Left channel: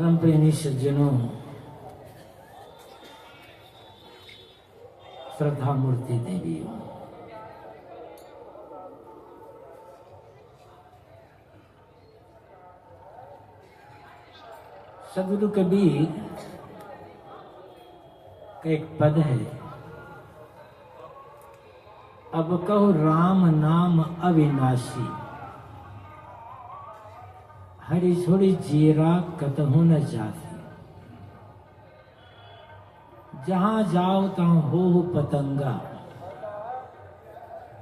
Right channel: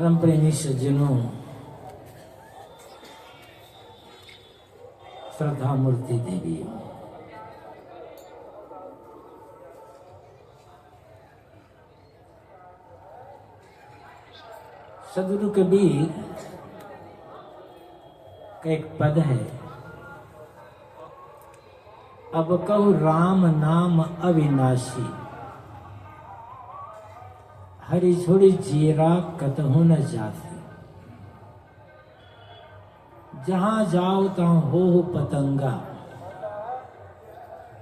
धर्म प्रेमी सज्जनों, श्रद्धा मूर्ति देवियों, सदगुरु कबीर का एक पद है, अब कहूँ राम नाम अविनाशी, हरि छोड़ी जीरा कतहु न जासी। जहां जाओ तहाँ हो पतंगा,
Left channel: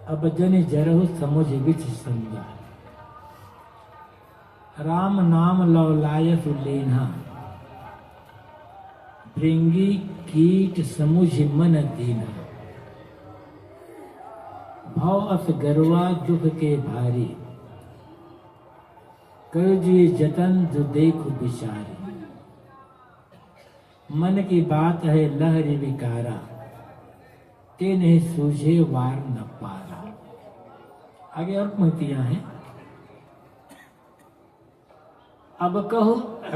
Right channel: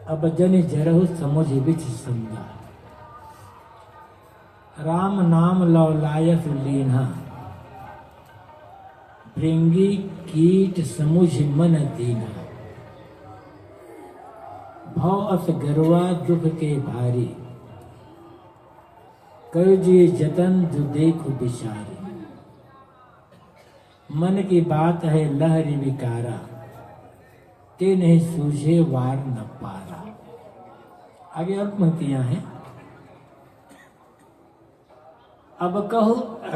अब जनि जरहु समुझ बिच संगा। राम नाम लौलायत लीन्हा, भृंगी कीट समुझ मन दीन्हा। भव अस गरुआ दुख के भारी, कर जी जतन जो देखो बिचारी। मन की बात है लहरी विकारा, ते नहीं सूझे वार न पारा। आगे और पंक्तियां हैं। अब कहो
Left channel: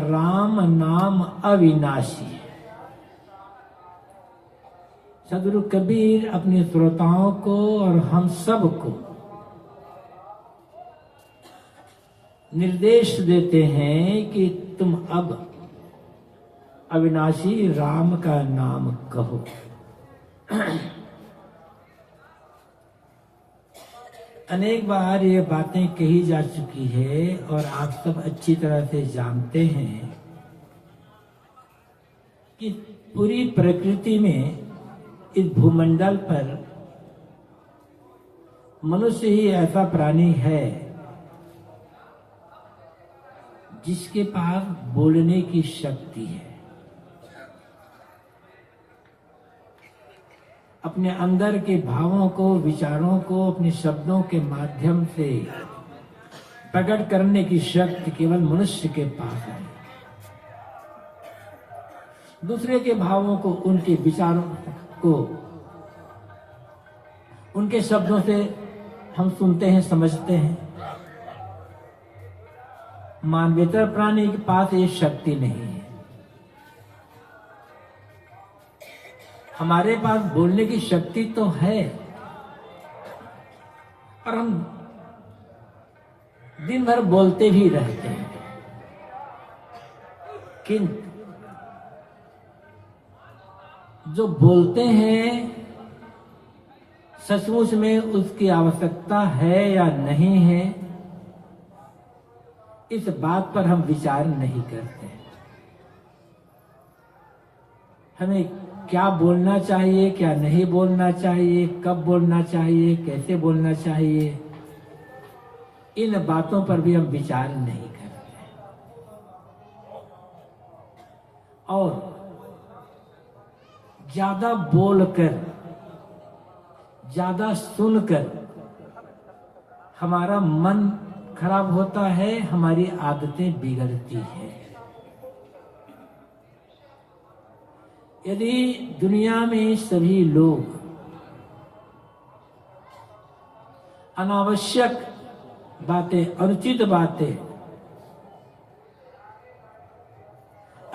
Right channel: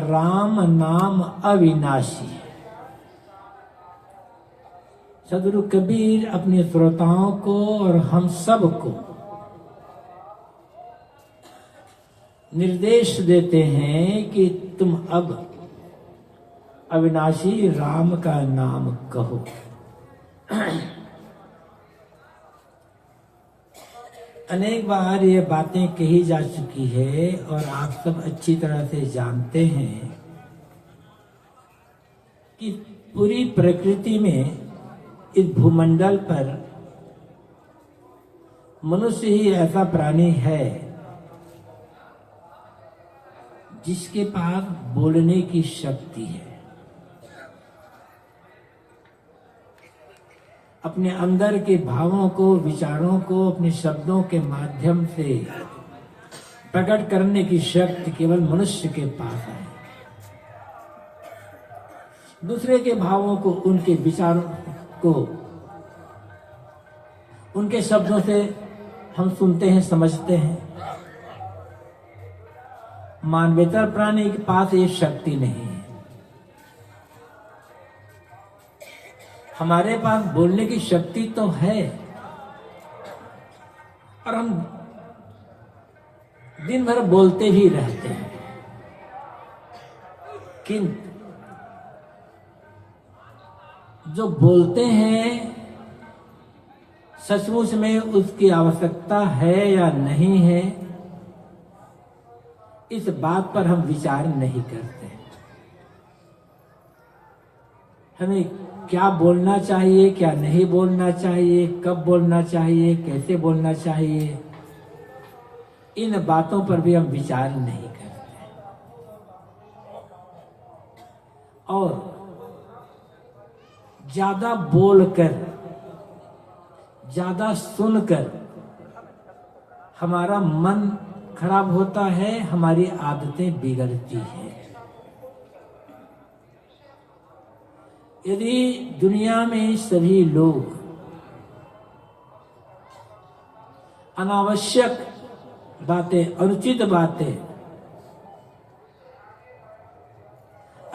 राम नाम अविनाशी। सदगुरु कबीर अपने श्रोताओं को और हम सब को निर्देश देते हैं कि तुम अब अविनाशी राम का नाम कहो। अनेक बार ये बातें कही जा चुकी है और आप सब अच्छी तरह से जानते हैं कि पूरी प्रकृति में, इस भूमंडल पर मनुष्य ही ऐसा प्राणी है जिसके पास बोलने की शक्ति है। अपने अंदर के भावों को, विचारों को अपने शब्दों के माध्यम से प्रकट करने की शक्ति केवल मनुष्य के पास है। दूसरे के भावों को, उनके विचारों को, उनके शब्दों से हम सुनते हैं, समझते हैं। मानवेतर प्राणी के पास ये शक्ति नहीं है। हमारे पास बोलने की शक्ति तो है, और हम दिन भर बोलते ही रहते हैं, किंतु जो बोलते हैं सचमुच में उसकी आवश्यकता है या नहीं है, इस बात पर हम विचार नहीं करते। हमें क्या बोलना चाहिए, क्या नहीं बोलना चाहिए, कब बोलना चाहिए, कैसे बोलना चाहिए, इन बातों पर भी हम विचार नहीं करते। और ज्यादा बोलकर, ज्यादा सुनकर हमारा मन खराब होता है, हमारी आदतें बिगड़ती हैं। यदि दुनिया में सभी लोग अनावश्यक बातें, अनुचित बातें,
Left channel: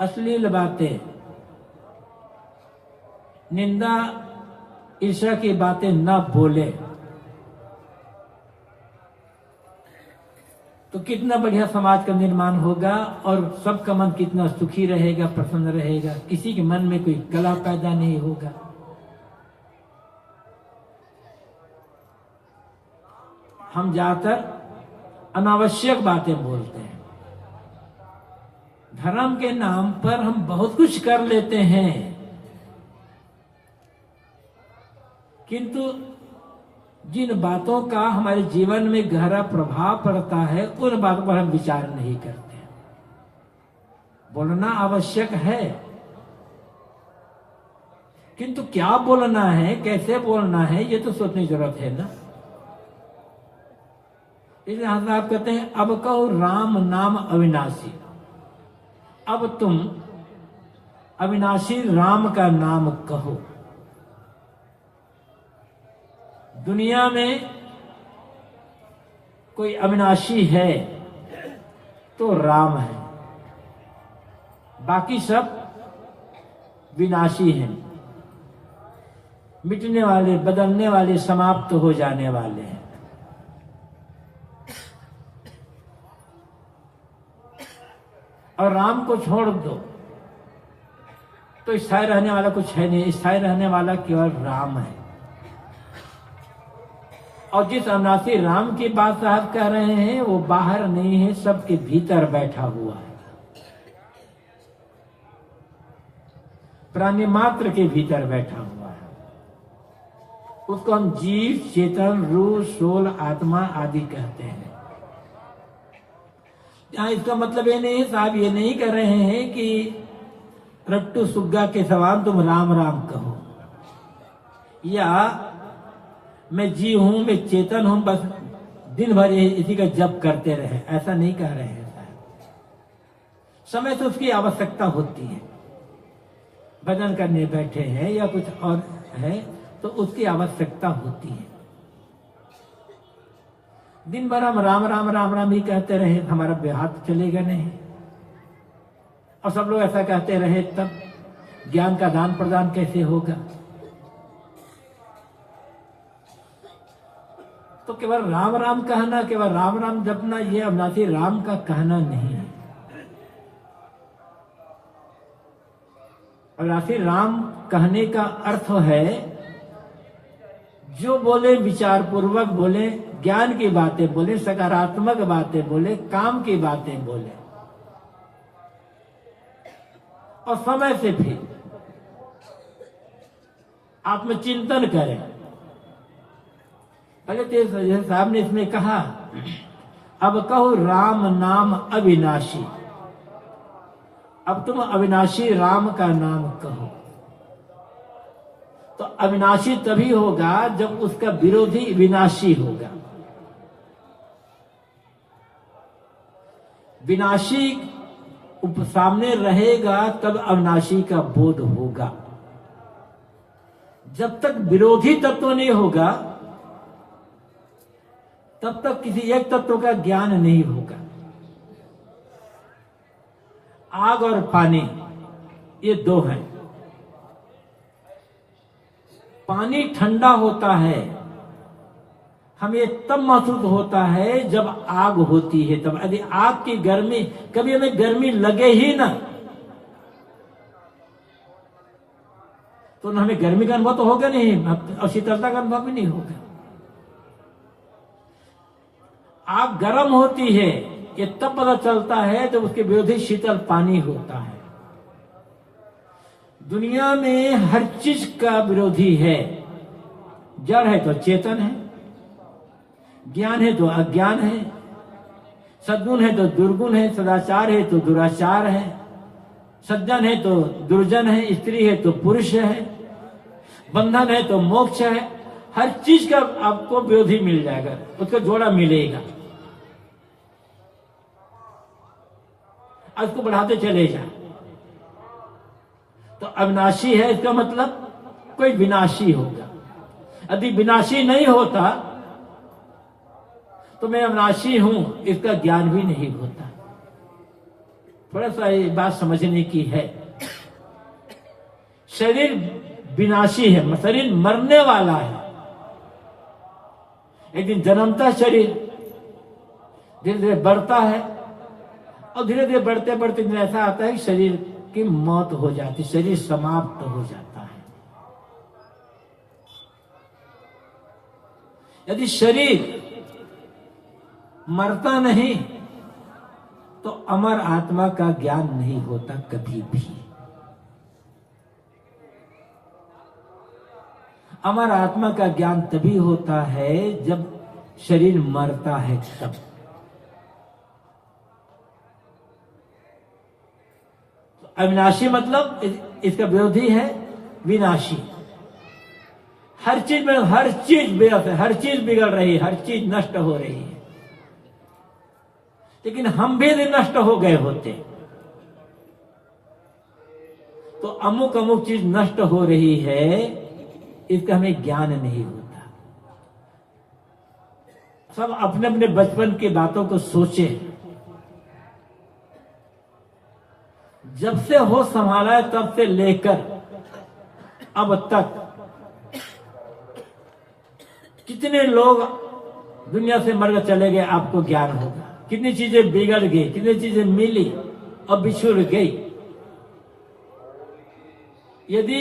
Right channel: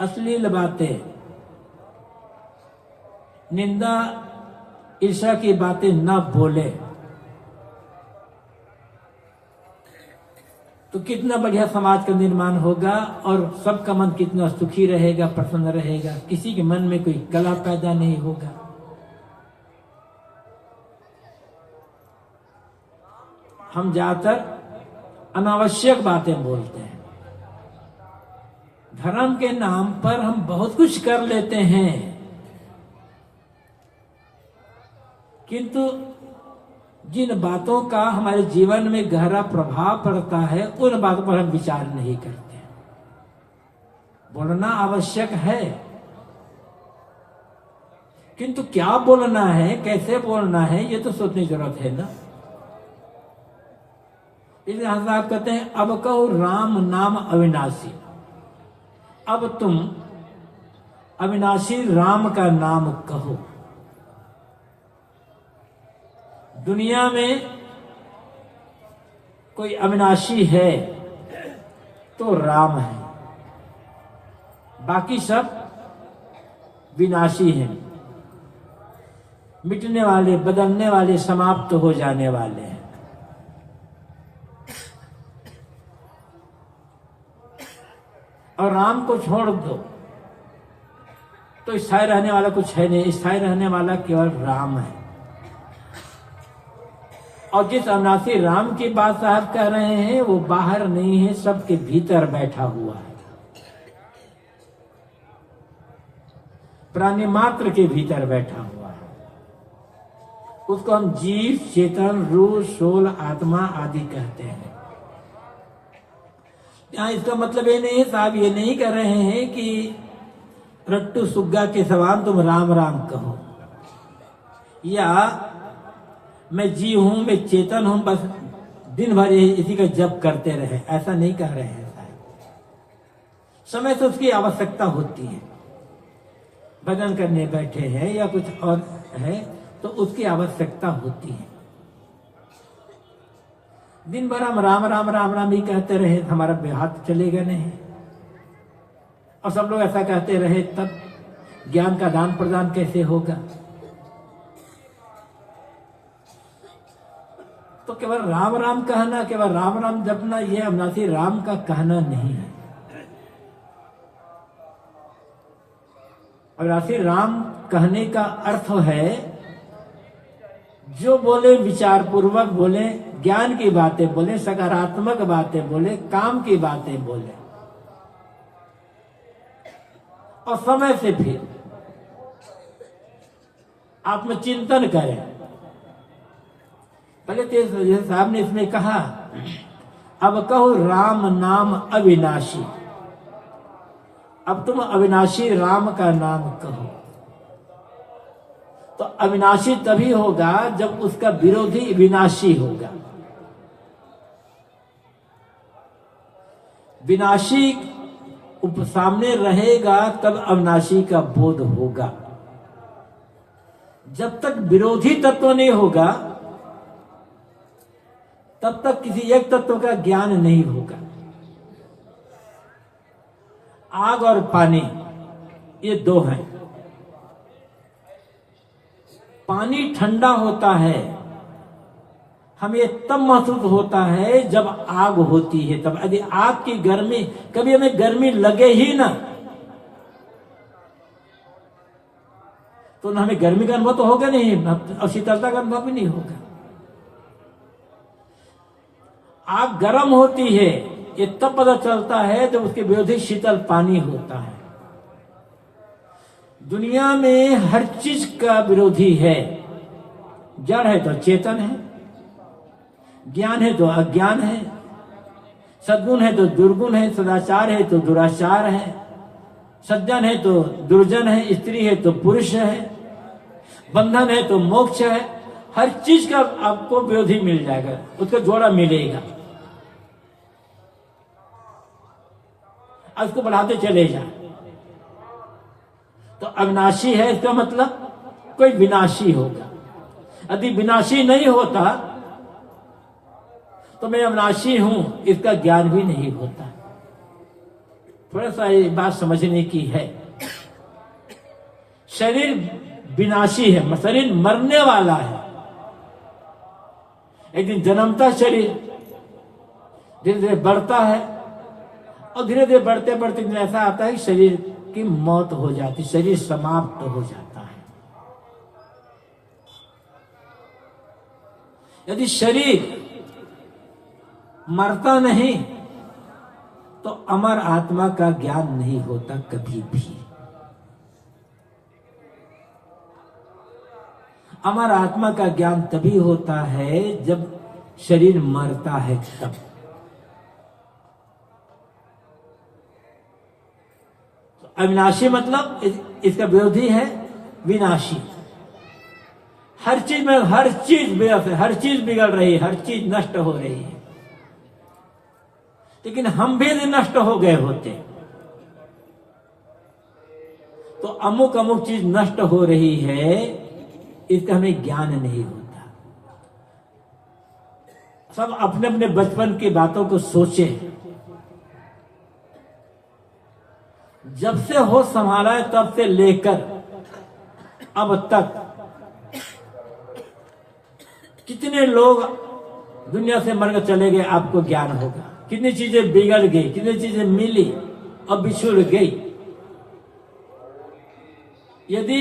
अश्लील बातें, निंदा ईर्ष्या की बातें न बोले, तो कितना बढ़िया समाज का निर्माण होगा और सबका मन कितना सुखी रहेगा, प्रसन्न रहेगा। किसी के मन में कोई कलह पैदा नहीं होगा। हम ज्यादातर अनावश्यक बातें बोलते हैं। धर्म के नाम पर हम बहुत कुछ कर लेते हैं, किंतु जिन बातों का हमारे जीवन में गहरा प्रभाव पड़ता है, उन बातों पर हम विचार नहीं करते। बोलना आवश्यक है, किंतु क्या बोलना है, कैसे बोलना है, ये तो सोचने की जरूरत है ना। इसलिए आप कहते हैं अब कहो राम नाम अविनाशी। अब तुम अविनाशी राम का नाम कहो। दुनिया में कोई अविनाशी है तो राम है। बाकी सब विनाशी हैं, मिटने वाले, बदलने वाले, समाप्त हो जाने वाले हैं। और राम को छोड़ दो तो स्थायी रहने वाला कुछ है नहीं, स्थायी रहने वाला केवल राम है। और जिस अविनाशी राम की बात साहब कह रहे हैं वो बाहर नहीं है, सबके भीतर बैठा हुआ है, प्राणी मात्र के भीतर बैठा हुआ है। उसको हम जीव, चेतन, रूह, सोल, आत्मा आदि कहते हैं। यहाँ इसका मतलब ये नहीं है साहब, ये नहीं कह रहे हैं कि रट्टू सुग्गा के समान तुम राम राम कहो, या मैं जी हूं, मैं चेतन हूं, बस दिन भर इसी का जप करते रहे, ऐसा नहीं कह रहे हैं साहब। समय से उसकी आवश्यकता होती है, भजन करने बैठे हैं या कुछ और है तो उसकी आवश्यकता होती है। दिन भर हम राम राम राम राम ही कहते रहे, हमारा हाथ चलेगा नहीं। और सब लोग ऐसा कहते रहे, तब ज्ञान का दान प्रदान कैसे होगा? तो केवल राम राम कहना, केवल राम राम जपना, यह अविनाशी राम का कहना नहीं है। अविनाशी राम कहने का अर्थ है जो बोले विचार पूर्वक बोले, ज्ञान की बातें बोले, सकारात्मक बातें बोले, काम की बातें बोले, और समय से फिर आत्मचिंतन करें। पहले तो साहब ने इसमें कहा, अब कहो राम नाम अविनाशी। अब तुम अविनाशी राम का नाम कहो। तो अविनाशी तभी होगा जब उसका विरोधी विनाशी होगा। विनाशी सामने रहेगा तब अविनाशी का बोध होगा। जब तक विरोधी तत्व नहीं होगा तब तक किसी एक तत्व का ज्ञान नहीं होगा। आग और पानी ये दो हैं। पानी ठंडा होता है, हमें तब महसूस होता है जब आग होती है। तब यदि आग की गर्मी, कभी हमें गर्मी लगे ही ना तो हमें गर्मी का अनुभव तो होगा नहीं और शीतलता का अनुभव भी नहीं होगा। आग गर्म होती है ये तब पता चलता है जब उसके विरोधी शीतल पानी होता है। दुनिया में हर चीज का विरोधी है। जड़ है तो चेतन है, ज्ञान है तो अज्ञान है, सद्गुण है तो दुर्गुण है, सदाचार है तो दुराचार है, सज्जन है तो दुर्जन है, स्त्री है तो पुरुष है, बंधन है तो मोक्ष है। हर चीज का आपको विरोधी मिल जाएगा, उसको जोड़ा मिलेगा। उसको बढ़ाते चले जाए तो अविनाशी है, इसका मतलब कोई विनाशी होगा। यदि विनाशी नहीं होता तो मैं अविनाशी हूं, इसका ज्ञान भी नहीं होता। थोड़ा सा ये बात समझने की है। शरीर विनाशी है, शरीर मरने वाला है। एक दिन जन्मता शरीर, धीरे धीरे बढ़ता है और धीरे धीरे बढ़ते बढ़ते ऐसा आता है कि शरीर की मौत हो जाती, शरीर समाप्त हो जाता है। यदि शरीर मरता नहीं तो अमर आत्मा का ज्ञान नहीं होता कभी भी। अमर आत्मा का ज्ञान तभी होता है जब शरीर मरता है तब। अविनाशी मतलब इसका विरोधी है विनाशी। हर चीज में हर चीज हर चीज बिगड़ रही है, हर चीज नष्ट हो रही है, लेकिन हम भी नष्ट हो गए होते तो अमुक अमुक चीज नष्ट हो रही है, इसका हमें ज्ञान नहीं होता। सब अपने अपने बचपन की बातों को सोचें। जब से होश संभाला है तब से लेकर अब तक कितने लोग दुनिया से मरकर चले गए, आपको ज्ञान होगा। कितनी चीजें बिगड़ गई, कितनी चीजें मिली और बिछुड़ गई। यदि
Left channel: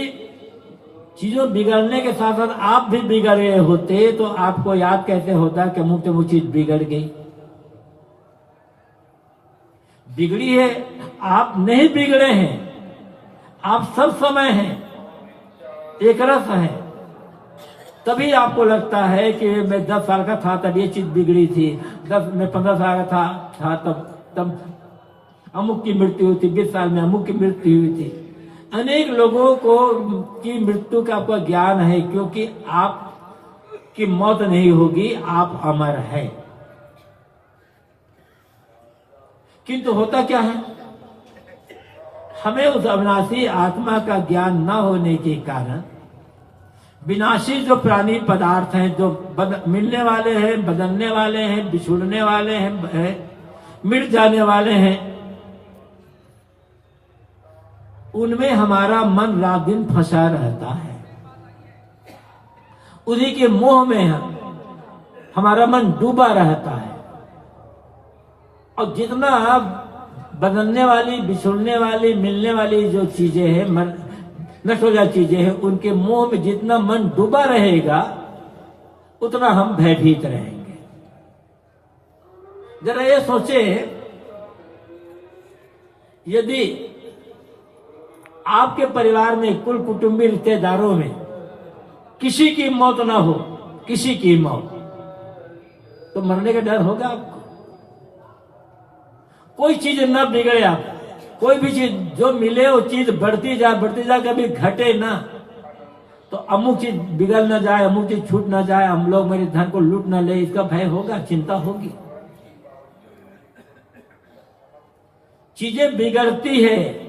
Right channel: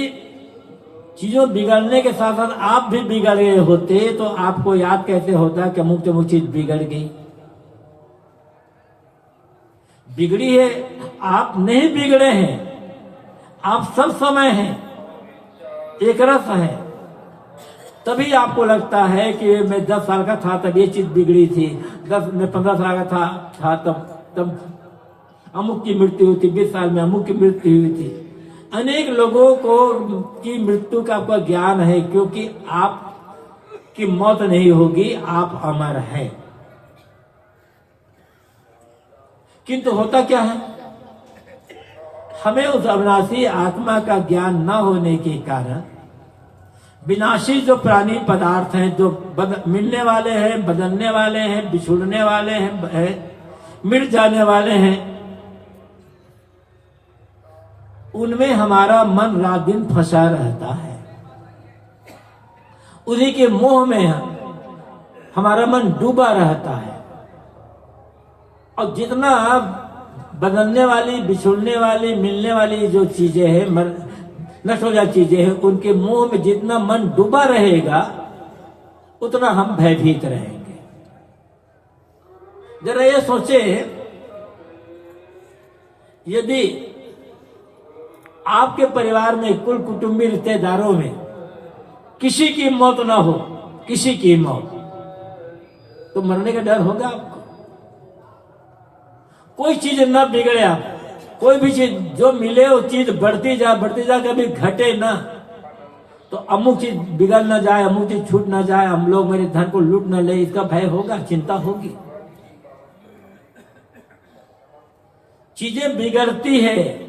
चीजों बिगड़ने के साथ साथ आप भी बिगड़ गए होते तो आपको याद कैसे होता कि अमुक चीज बिगड़ गई। बिगड़ी है, आप नहीं बिगड़े हैं, आप सब समय हैं, एक रस है। तभी आपको लगता है कि मैं 10 साल का था तब ये चीज बिगड़ी थी, मैं 15 साल का था तब अमुक की मृत्यु हुई थी, 20 साल में अमुक की मृत्यु हुई थी। अनेक लोगों को की मृत्यु का आपका ज्ञान है, क्योंकि आप की मौत नहीं होगी, आप अमर हैं। किंतु होता क्या है, हमें उस अविनाशी आत्मा का ज्ञान न होने के कारण विनाशी जो प्राणी पदार्थ हैं, जो मिलने वाले हैं, बदलने वाले हैं, बिछुड़ने वाले हैं, मिट जाने वाले हैं, उनमें हमारा मन रात दिन फंसा रहता है। उन्हीं के मोह में हमारा मन डूबा रहता है। और जितना बदलने वाली, बिछुड़ने वाली, मिलने वाली जो चीजें हैं, नष्ट हो जाती चीजें हैं, उनके मोह में जितना मन डूबा रहेगा उतना हम भयभीत रहेंगे। जरा ये सोचे, यदि आपके परिवार में, कुल कुटुंबी रिश्तेदारों में किसी की मौत ना हो, किसी की मौत, तो मरने का डर होगा आपको। कोई चीज न बिगड़े, आप कोई भी चीज जो मिले वो चीज बढ़ती जा, कभी घटे ना। तो अमुक चीज बिगड़ ना जाए, अमुक चीज छूट ना जाए, हम लोग मेरे धन को लूट ना ले, इसका भय होगा, चिंता होगी। चीजें बिगड़ती है,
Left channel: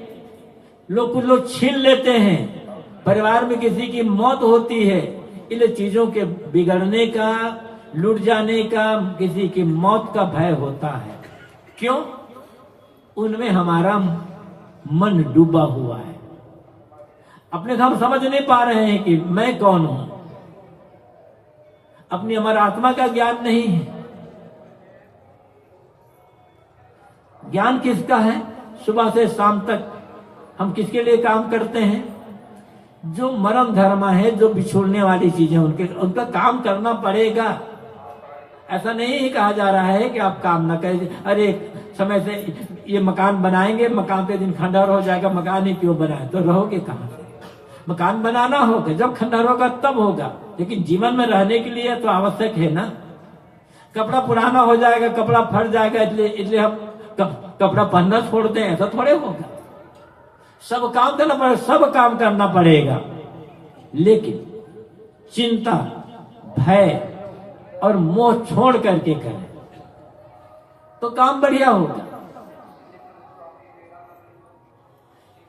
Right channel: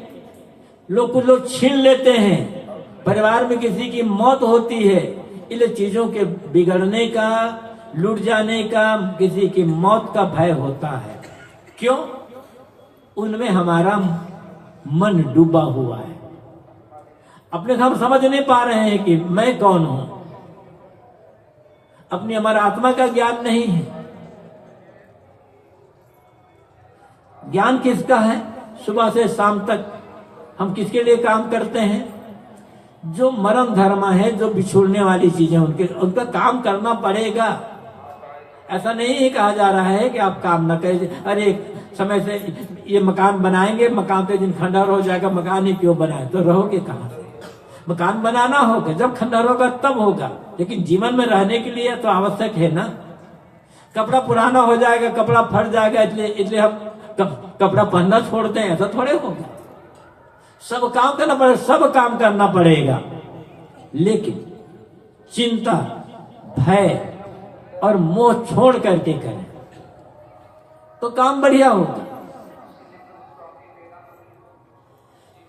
कुछ लोग छीन लेते हैं, परिवार में किसी की मौत होती है, इसलिए चीजों के बिगड़ने का, लूट जाने का, किसी की मौत का भय होता है। क्यों? उनमें हमारा मन डूबा हुआ है। अपने हम समझ नहीं पा रहे हैं कि मैं कौन हूं। अपनी हमारा आत्मा का ज्ञान नहीं है। ज्ञान किसका है? सुबह से शाम तक हम किसके लिए काम करते हैं? जो मरण धर्म है, जो बिछोड़ने वाली चीजें, उनका काम करना पड़ेगा। ऐसा नहीं कहा जा रहा है कि आप काम न करें। अरे समय से ये मकान बनाएंगे, मकान के दिन खंडहर हो जाएगा, मकान ही क्यों बनाए, तो रहोगे कहां से? मकान बनाना होगा, जब खंडहर होगा तब होगा, लेकिन जीवन में रहने के लिए तो आवश्यक है ना। कपड़ा पुराना हो जाएगा, कपड़ा फट जाएगा, इसलिए हम कपड़ा पहनना छोड़ दें, ऐसा थोड़े होगा। सब काम करना पड़ेगा, सब काम करना पड़ेगा, लेकिन चिंता, भय और मोह छोड़ करके करें तो काम बढ़िया होगा।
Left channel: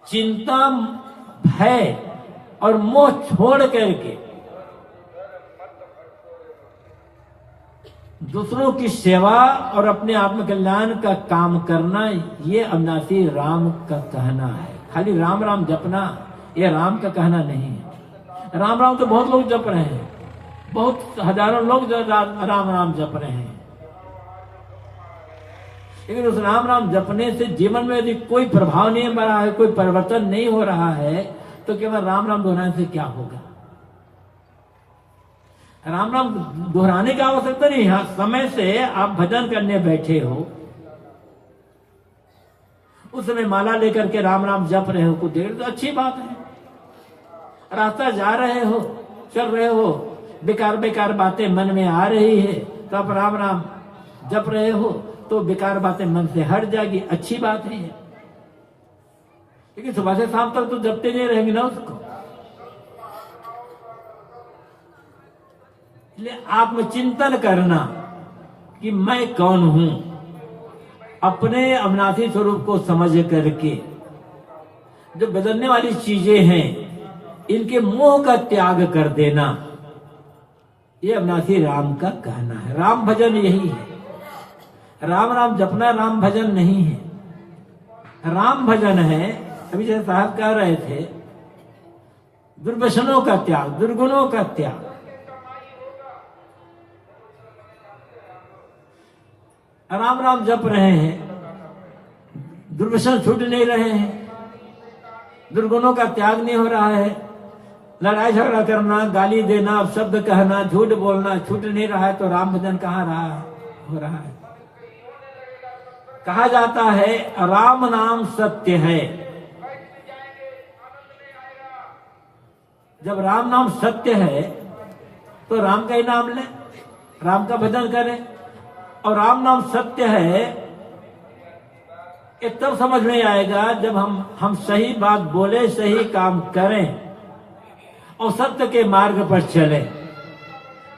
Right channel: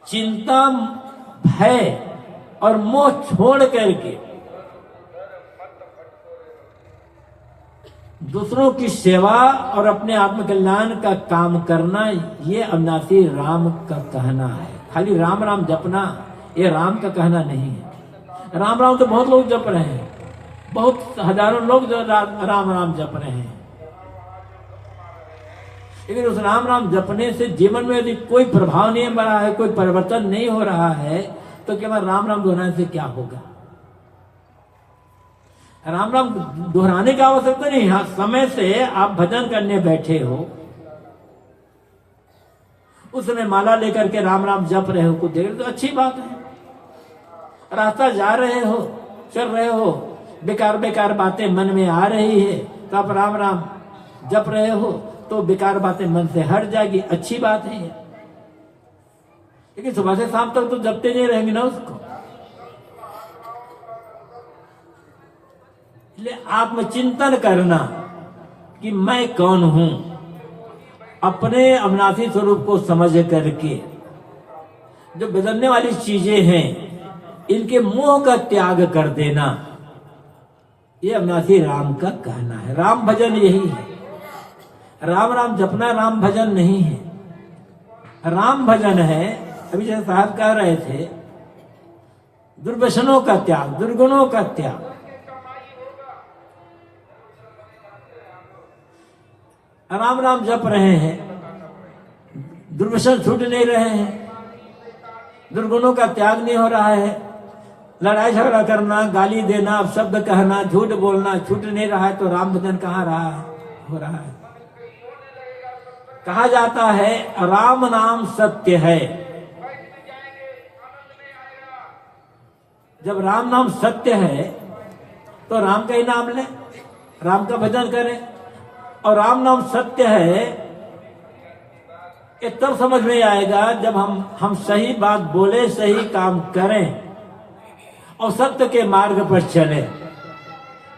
चिंता, भय और मोह छोड़ करके दूसरों की सेवा और अपने आत्म कल्याण का काम करना, ये अविनाशी राम का कहना है। खाली राम राम जपना ये राम का कहना नहीं है। राम राम तो बहुत लोग जप रहे हैं, बहुत हजारों लोग राम राम जप रहे हैं, लेकिन उस राम राम जपने से जीवन में यदि कोई प्रभाव नहीं बना है, कोई परिवर्तन नहीं हो रहा है, तो केवल राम राम दोहराने से क्या होगा? राम राम दोहराने की आवश्यकता नहीं है। समय से आप भजन करने बैठे हो, उसने माला लेकर के राम राम जप रहे हो कुछ देर, तो अच्छी बात है। रास्ता जा रहे हो, चल रहे हो, बेकार बेकार बातें मन में आ रही है, तो आप राम राम जप रहे हो तो बेकार बातें मन से हट जाएगी, अच्छी बात है। लेकिन सुबह से शाम तक तो जपते नहीं रहेंगे ना उसको। इसलिए आत्मचिंतन करना कि मैं कौन हूं, अपने अविनाशी स्वरूप को समझ करके जो बदलने वाली चीजें हैं इनके मोह का त्याग कर देना, ये अविनाशी राम का कहना है। राम भजन यही है। राम राम जपना राम भजन नहीं है। राम भजन है अभी जैसे साहब कह रहे थे, दुर्व्यसनों का त्याग, दुर्गुणों का त्याग। राम नाम जप रहे हैं, दुर्व्यसन छूट नहीं रहे हैं, दुर्गुणों का त्याग नहीं हो रहा है, लड़ाई झगड़ा करना, गाली देना, शब्द कहना, झूठ बोलना छूट नहीं रहा है, तो राम भजन कहाँ रहा है, हो रहा है। कहा जाता है राम नाम सत्य है। जब राम नाम सत्य है तो राम का ही नाम लें, राम का भजन करें। और राम नाम सत्य है ये तब समझ में आएगा जब हम सही बात बोले, सही काम करें और सत्य के मार्ग पर चले,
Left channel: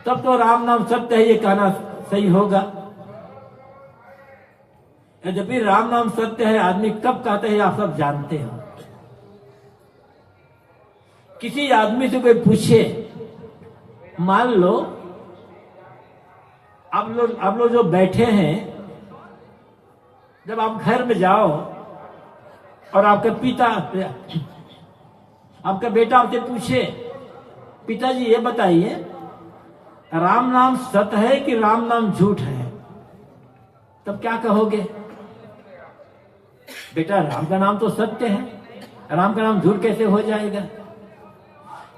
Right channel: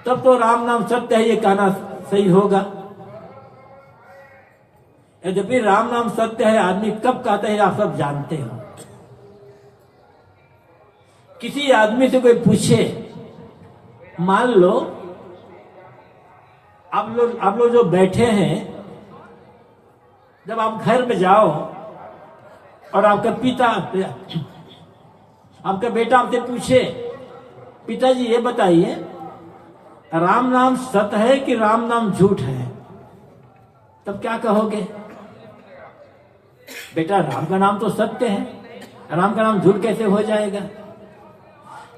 तब तो राम नाम सत्य है ये कहना सही होगा। यद्यपि राम नाम सत्य है आदमी कब कहते हैं आप सब जानते हो। किसी आदमी से कोई पूछे, मान लो आप लोग जो बैठे हैं, जब आप घर में जाओ और आपका बेटा आपसे पूछे, पिताजी ये बताइए राम नाम सत्य है कि राम नाम झूठ है, तब क्या कहोगे? बेटा राम का नाम तो सत्य है, राम का नाम झूठ कैसे हो जाएगा?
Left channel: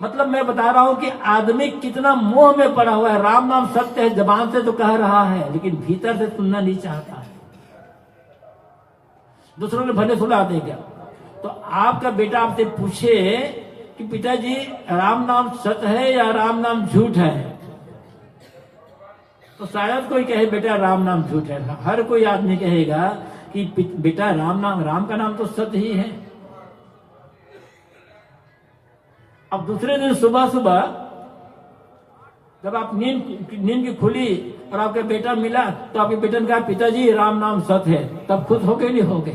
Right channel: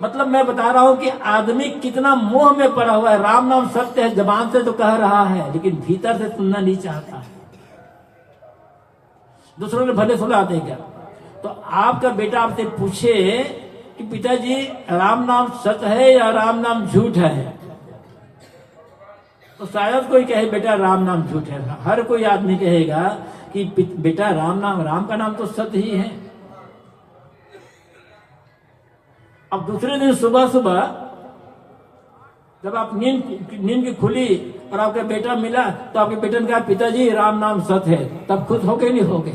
मतलब मैं बता रहा हूं कि आदमी कितना मोह में पड़ा हुआ है। राम नाम सत्य है, जबान से तो कह रहा है लेकिन भीतर से सुनना नहीं चाहता। दूसरों ने भले सुना देगा। तो आपका बेटा आपसे पूछे कि पिताजी राम नाम सत्य है या राम नाम झूठ है, तो शायद कोई कहे बेटा राम नाम झूठ है। हर कोई आदमी कहेगा कि बेटा राम का नाम तो सत्य ही है। अब दूसरे दिन सुबह सुबह जब आप नींद की खुली और आपका बेटा मिला, तो आपके बेटे ने कहा पिताजी राम नाम सत्य है, तब खुश हो गए नहीं हो गए?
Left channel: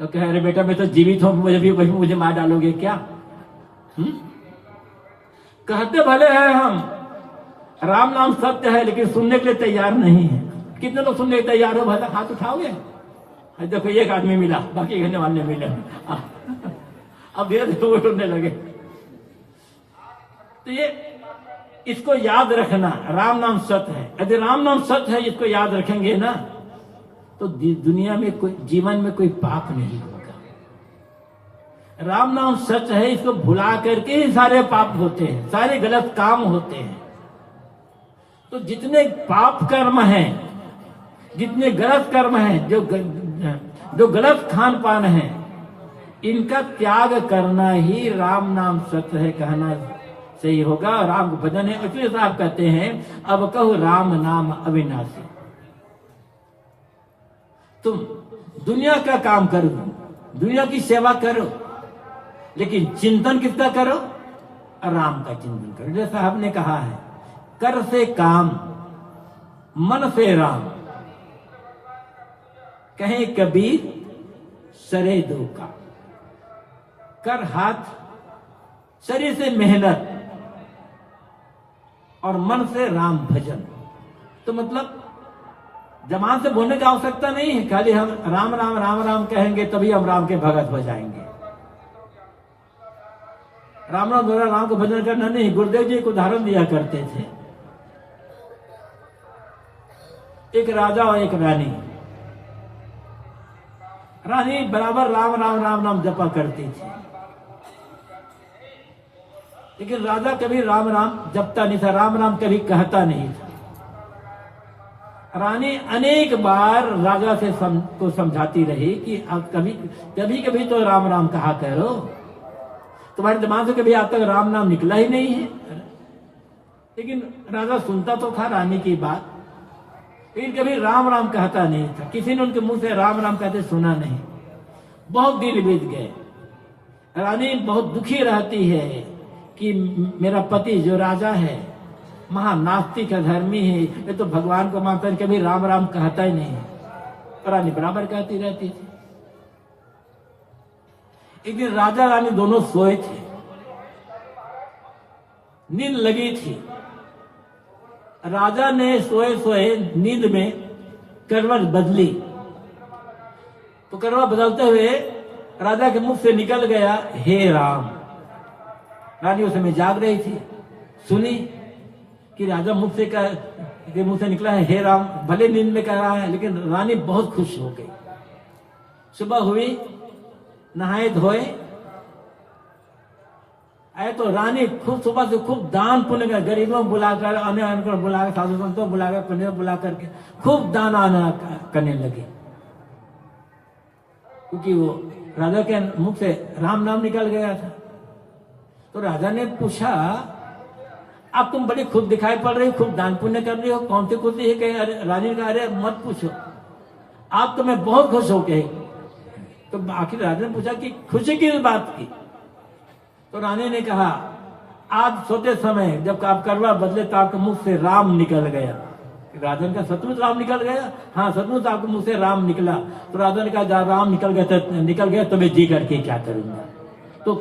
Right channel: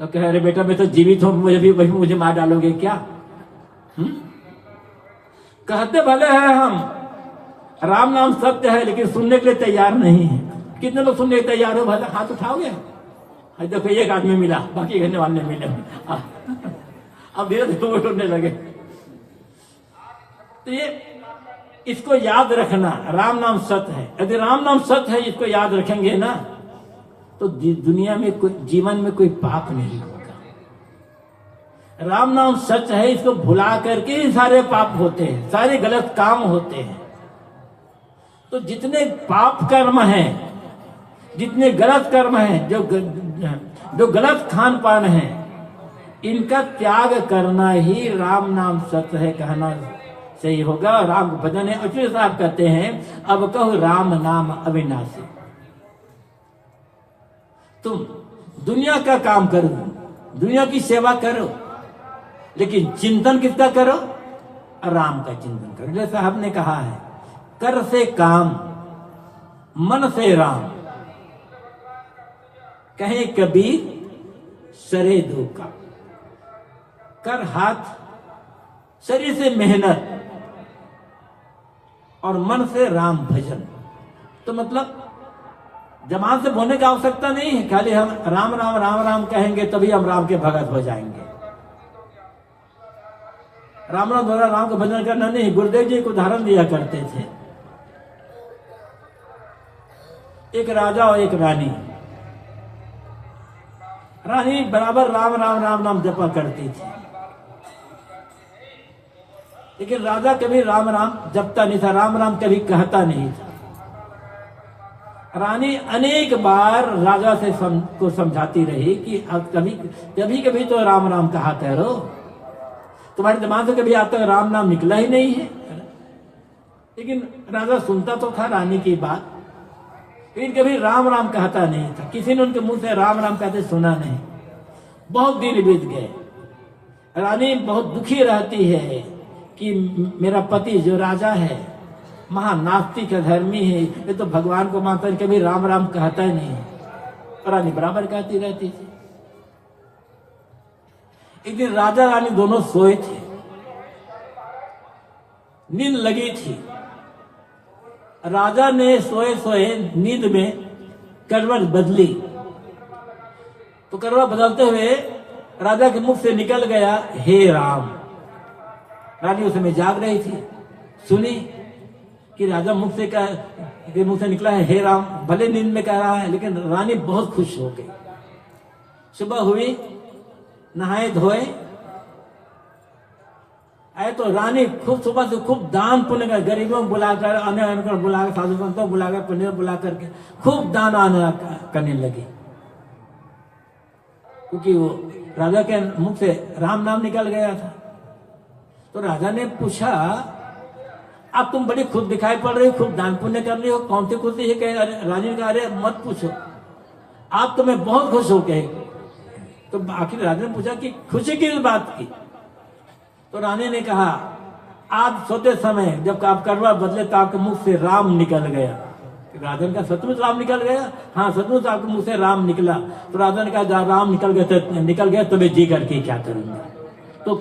तो कह रहे बेटा मैं तो जीवित हूं, मुझे मार डालोगे क्या? कहते भले हैं हम राम नाम सत्य है, लेकिन सुनने के लिए तैयार नहीं है। कितने लोग सुनने के तैयार हो? भला हाथ उठाओगे? देखो एक आदमी मिला, बाकी कहने वाले मिले। अब धीरे धीरे वो उड़ने लगे। तो ये इसको याद रखना, राम नाम सत्य है। यदि राम नाम सत्य है, इसको याद रखेंगे ना, तो दुनिया में जीवन में कोई पाप नहीं होगा। राम नाम सच है, इसको भुला करके ही सारे पाप होते हैं, सारे गलत काम होते हैं। तो जितने पाप कर्म हैं, जितने गलत कर्म हैं, जो गलत खान पान है, इनका त्याग करना ही राम नाम सत्य है कहना सही होगा। राम को भजन है। अचूर्य साहब कहते हैं अब कहो राम नाम अविनाशी। तुम दुनिया का काम करो, दुनिया की सेवा करो, लेकिन चिंतन किसका करो? राम का चिंतन करो। जैसा साहब ने कहा है, कर से काम, मन से राम, कहे कबीर सरे दो का। कर हाथ, शरीर से मेहनत और मन से राम भजन। तो मतलब जबान से बोलने की आवश्यकता नहीं है, खाली हम राम राम राम राम कहेंगे तभी हम राम के भगत हो जाएंगे। राम राम बोला राम को भजन करना नहीं। गुरुदेव जी एक उदाहरण दिया करते थे। एक राजा और एक रानी, रानी बराबर राम राम राम राम जपा करती थी, लेकिन राजा कभी राम राम जपता नहीं था, राम राम कभी कहता नहीं था। रानी अनेक बार राजा से को समझाती रही कि अब कभी कभी तो राम राम कहा करो, तुम्हारे दिमाग से कभी आज तक राम नाम निकला ही नहीं है। लेकिन राजा सुनता तो था रानी की बात, लेकिन कभी राम राम कहता नहीं था। किसी ने उनके मुंह से राम राम कहते सुना नहीं। बहुत दिन बीत गए। रानी बहुत दुखी रहती है कि मेरा पति जो राजा है महानास्तिक धर्मी है, ये तो भगवान को मानकर कभी राम राम कहता ही नहीं है। रानी बराबर कहती रहती थी। एक दिन राजा रानी दोनों सोए थे, नींद लगी थी। राजा ने सोए सोए नींद में करवट बदली, तो करवट बदलते हुए राजा के मुख से निकल गया हे राम। रानी उस समय जाग रही थी, सुनी कि राजा मुख से निकला है हे राम। भले नींद में कह रहा है, लेकिन रानी बहुत खुश हो गई। सुबह हुई, नहाए धोए आए तो रानी खूब सुबह से खूब दान पुण्य कर, गरीबों को बुलाकर, अन्य को बुलाकर, साधु संतों को बुलाकर, पुण्य बुला करके खूब दान आना करने लगी। क्योंकि वो राजा के मुख से राम नाम निकल गया था। तो राजा ने पूछा, अब तुम बड़ी खुद दिखाई पड़ रही हो, खूब दान पुण्य कर रही हो, कौन सी खुशी है? रानी ने कहा अरे मत पूछो, आप तो मैं बहुत खुश हो गए। तो आखिर राजा ने पूछा कि खुशी की बात की? तो रानी ने कहा आज सोते समय जब आप करवा बदले तो आपके मुख से राम निकल गया। राजा ने कहा सचमुच राम निकल गया? हाँ सचमुच आपके मुख से राम निकला। तो राजा ने कहा राम निकल गया तो मैं जी करके क्या करूंगा? तो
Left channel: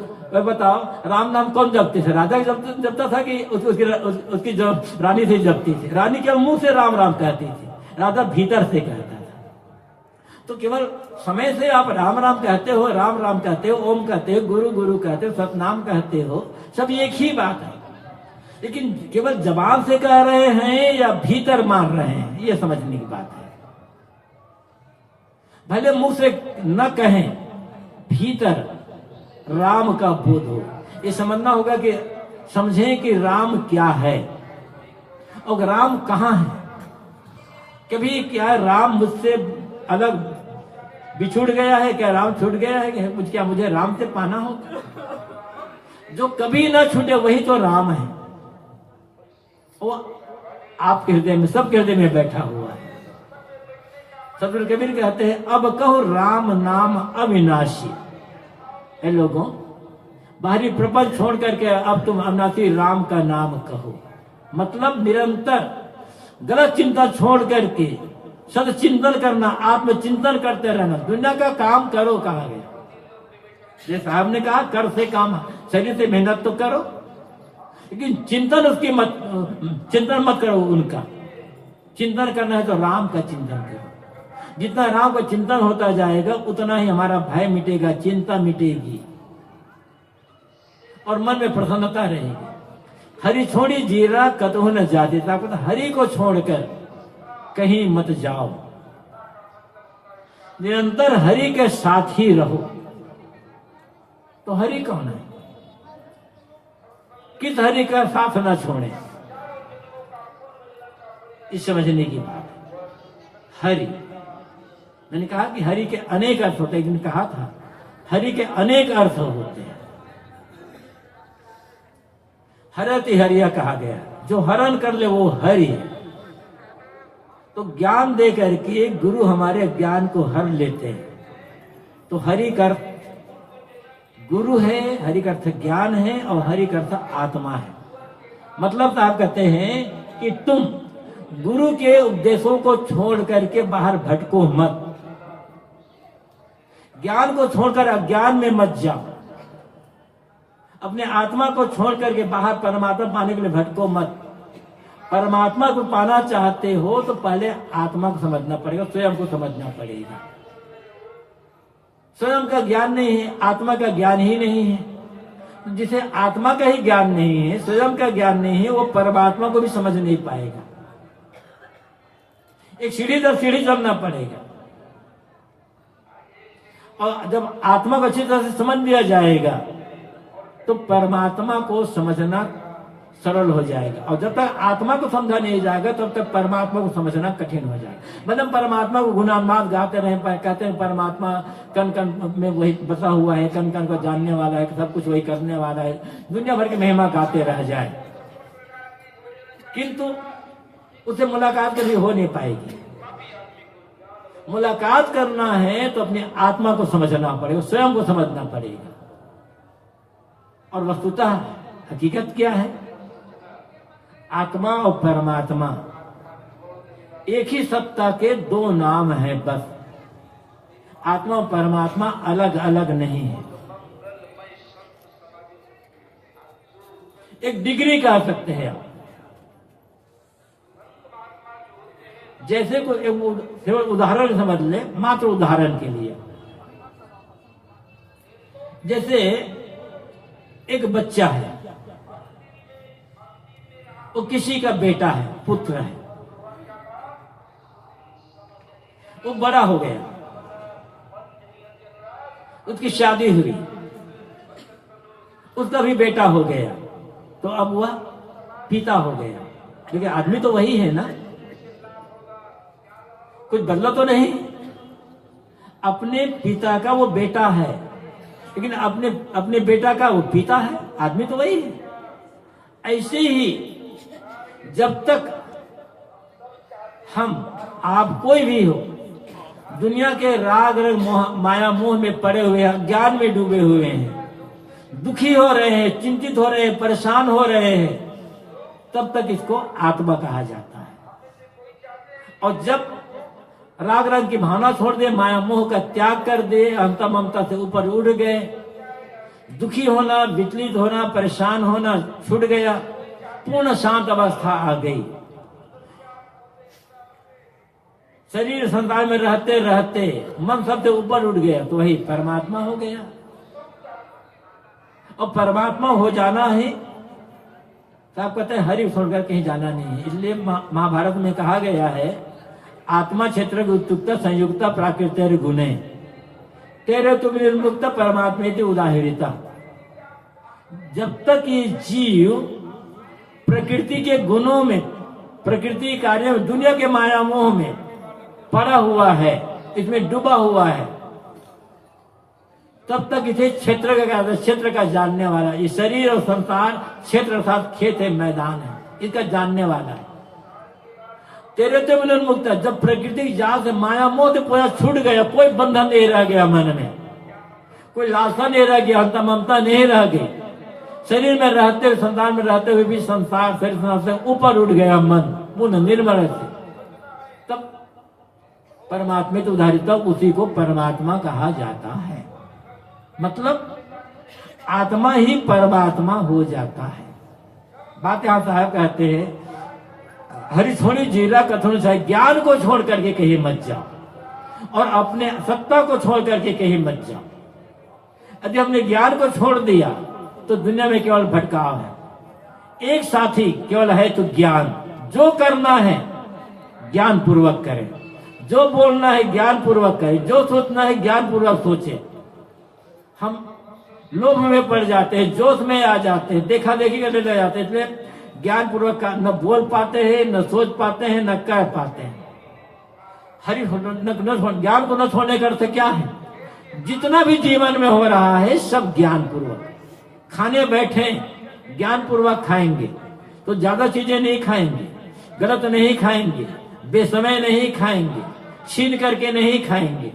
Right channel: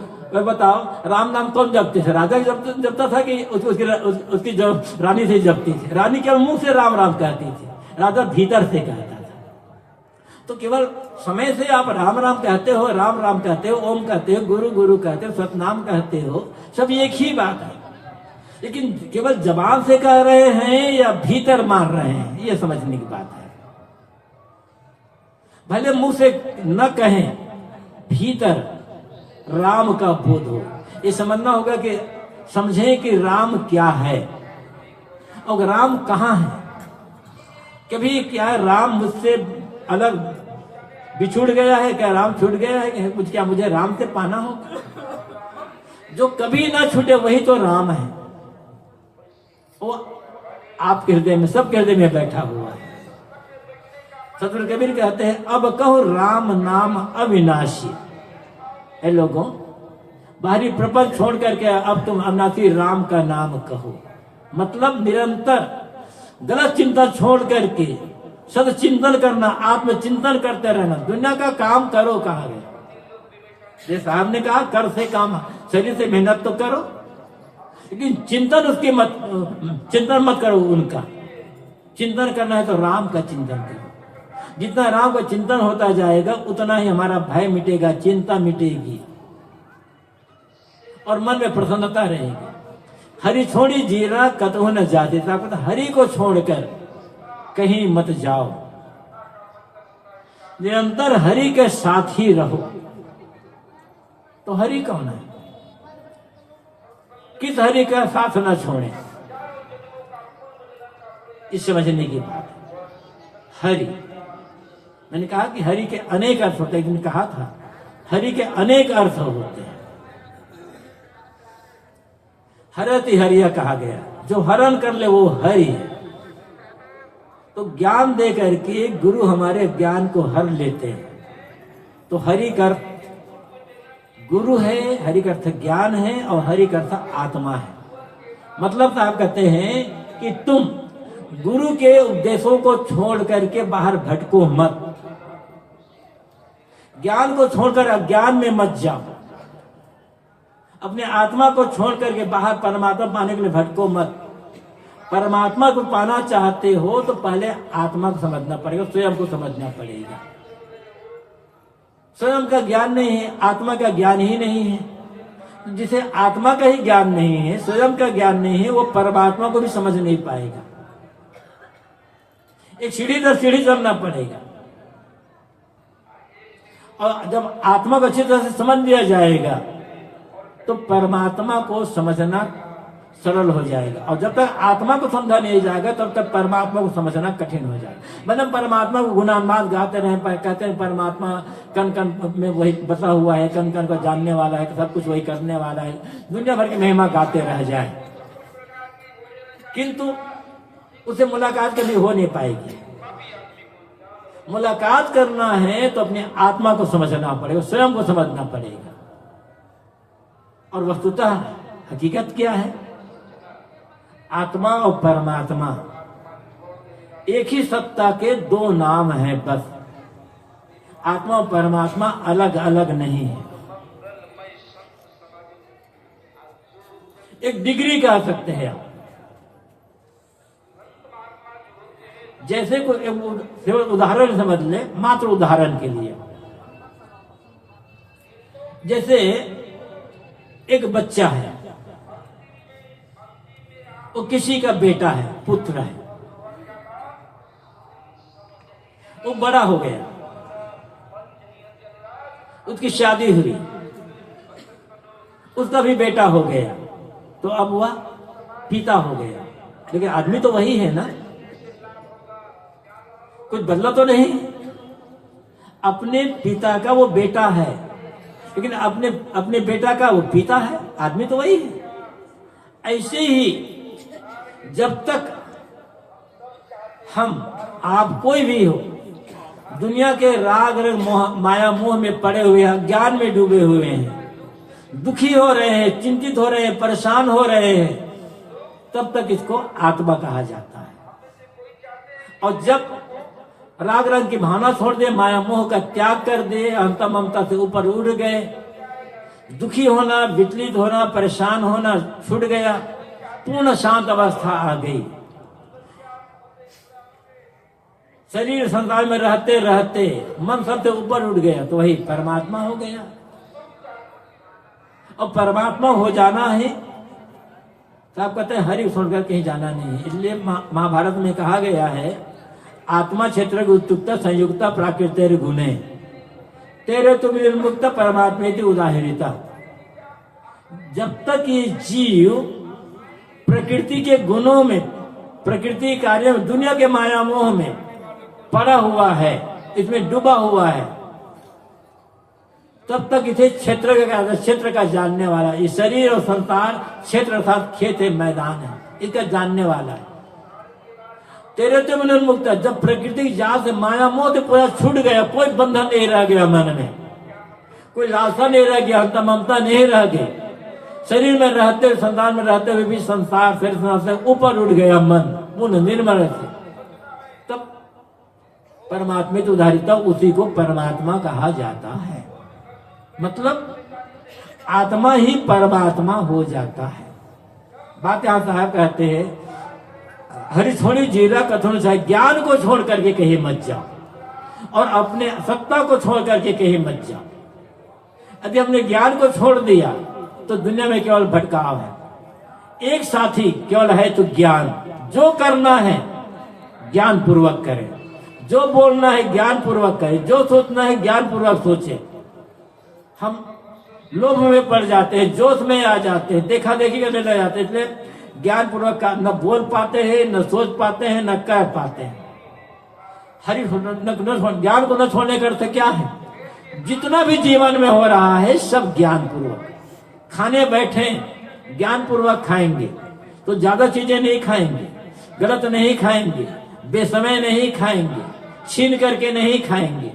बताओ राम नाम कौन जपते थे? राजा जपता था कि उसकी रानी से जपती थी? रानी केवल मुंह से राम राम कहती थी, राजा भीतर से कहता था। तो केवल समय से आप राम राम कहते हो, राम राम कहते हो, ओम कहते हो, गुरु गुरु कहते हो, सतनाम कहते हो, सब एक ही बात है। लेकिन केवल जबान से कह रहे हैं या भीतर मान रहे हैं, ये समझने की बात है। भले मुंह से न कहें, भीतर राम का बोध हो। ये समझना होगा कि समझें कि राम क्या है और राम कहाँ है। कभी क्या राम मुझसे अलग बिछुड़ गया है? क्या राम छूट गया है? क्या मुझे राम से पाना होगा? जो कभी ना छूटे वही तो राम है। वो आपके हृदय में, सबके हृदय में बैठा हुआ है। सतगुरु कबीर कहते हैं अब कहो राम नाम अविनाशी। है लोगों, बाहरी प्रपंच छोड़ करके अब तुम अविनाशी राम का नाम कहो। मतलब निरंतर गलत चिंतन छोड़ करके सद चिंतन करना, आत्मचिंतन करते रहना। दुनिया का काम करो कहाँ गए? ये साहब ने कहा कर से काम, शरीर से मेहनत तो करो, लेकिन चिंतन मत करो। उनका चिंतन करना है तो राम का चिंतन करो। जितना राम का चिंतन होता जाएगा उतना ही हमारा भय मिटेगा, चिंता मिटेगी और मन में प्रसन्नता रहेगी। हरि छोड़ी जीरा कतहु न जाते, तो हरि को छोड़कर कहीं मत जाओ। निरंतर हरि के साथ ही रहो। तो हरि कौन है? किस हरि का साथ न छोड़े, इस समझने की बात। हरि, मैंने कहा कि हरि के अनेक अर्थ होते हैं। कहा था हरि के अनेक अर्थ होते हैं। हरति हरिया कहा गया, जो हरण कर ले वो हरि है। तो ज्ञान दे करके गुरु हमारे ज्ञान को हर लेते हैं। तो हरि का अर्थ गुरु है, हरि का अर्थ ज्ञान है और हरि का अर्थ आत्मा है। मतलब आप कहते हैं कि तुम गुरु के उपदेशों को छोड़ करके बाहर भटको मत, ज्ञान को छोड़कर अज्ञान में मत जाओ, अपने आत्मा को छोड़ करके बाहर परमात्मा पाने के लिए भटको मत। परमात्मा को पाना चाहते हो तो पहले आत्मा को समझना पड़ेगा, स्वयं को समझना पड़ेगा। स्वयं का ज्ञान नहीं है, आत्मा का ज्ञान ही नहीं है। जिसे आत्मा का ही ज्ञान नहीं है, स्वयं का ज्ञान नहीं है, वो परमात्मा को भी समझ नहीं पाएगा। एक सीढ़ी दर सीढ़ी चलना पड़ेगा। और जब आत्मा को अच्छी तरह से समझ लिया जाएगा तो परमात्मा को समझना सरल हो जाएगा। और जब तक आत्मा को समझा नहीं जाएगा तब तक परमात्मा को समझना कठिन हो जाएगा। मतलब परमात्मा को गुणानुवाद गाते रहे, कहते हैं परमात्मा कण कण में वही बसा हुआ है, कण कण को जानने वाला है, सब कुछ वही करने वाला है, दुनिया भर की महिमा गाते रह जाए, किंतु उससे मुलाकात कभी हो नहीं पाएगी। मुलाकात करना है तो अपने आत्मा को समझना पड़ेगा, स्वयं को समझना पड़ेगा। और वस्तुतः हकीकत क्या है? आत्मा और परमात्मा एक ही सत्ता के दो नाम हैं बस। आत्मा और परमात्मा अलग अलग नहीं है। एक डिग्री कह सकते हैं आप। जैसे कोई उदाहरण समझ ले, मात्र उदाहरण के लिए जैसे एक बच्चा है, वो किसी का बेटा है, पुत्र है, वो बड़ा हो गया, उसकी शादी हुई, उसका भी बेटा हो गया, तो अब वह पिता हो गया। लेकिन आदमी तो वही है ना, कुछ बदला तो नहीं। अपने पिता का वो बेटा है, लेकिन अपने बेटा का वो पिता है, आदमी तो वही है। ऐसे ही जब तक हम, आप कोई भी हो, दुनिया के राग माया मोह में पड़े हुए हैं, ज्ञान में डूबे हुए हैं, दुखी हो रहे हैं, चिंतित हो रहे हैं, परेशान हो रहे हैं, तब तक इसको आत्मा कहा जाता है। और जब राग रंग की भावना छोड़ दे, माया मोह का त्याग कर दे, अहंता ममता से ऊपर उड़ गए, दुखी होना, विचलित होना, परेशान होना छूट गया, पूर्ण शांत अवस्था आ गई, शरीर संसार में रहते रहते मन सबसे ऊपर उठ गया, तो वही परमात्मा हो गया। और परमात्मा हो जाना है, तो आप कहते हैं हरि छोड़कर कहीं जाना नहीं। इसलिए महाभारत में कहा गया है, आत्मा क्षेत्र उत्युक्त संयुक्त प्राकृत गुणे तेरे तुम निर्मुक्त परमात्मा की उदाहरिता। जब तक ये जीव प्रकृति के गुणों में, प्रकृति कार्य में, दुनिया के माया मोह में पड़ा हुआ है, इसमें डूबा हुआ है, तब तक इसे क्षेत्र का जानने वाला, ये शरीर और संसार क्षेत्र अर्थात खेत है, मैदान है, इसका जानने वाला है। तेरे तो निर्मुक्त, जब प्रकृति जाल से माया मोह से पूरा छूट गया, कोई बंधन नहीं रह गया मन में, कोई लालसा नहीं रह गया, अंत ममता नहीं रह गई, शरीर में रहते हुए, संसार में रहते हुए भी संसार से ऊपर उठ गया मन, पूर्ण निर्मल से, तब परमात्मा की उदाहरिता, उसी को परमात्मा कहा जाता है। मतलब आत्मा ही परमात्मा हो जाता है। बात यहां साहब कहते हैं, हरि छोड़ी जीरा कथन से, ज्ञान को छोड़ करके कहीं मत जाओ और अपने सत्ता को छोड़ करके कहीं मत जाओ। यदि हमने ज्ञान को छोड़ दिया तो दुनिया में केवल भटकाव है। एक साथी केवल है तो ज्ञान, जो करना है ज्ञान पूर्वक करें, जो बोलना है ज्ञान पूर्वक करें, जो सोचना है ज्ञान पूर्वक सोचे। हम लोभ में पड़ जाते हैं, जोश में आ जाते हैं, देखा देखी करने लग जाते हैं, इसलिए ज्ञान पूर्वक न बोल पाते हैं, न सोच पाते हैं, न कह पाते हैं। ज्ञान को न छोड़ने का अर्थ क्या है? जितना भी जीवन में हो रहा है सब ज्ञान पूर्वक। खाने बैठे ज्ञान पूर्वक खाएंगे तो ज्यादा चीजें नहीं खाएंगे, गलत नहीं खाएंगे, बेसमय नहीं खाएंगे, छीन करके नहीं खाएंगे,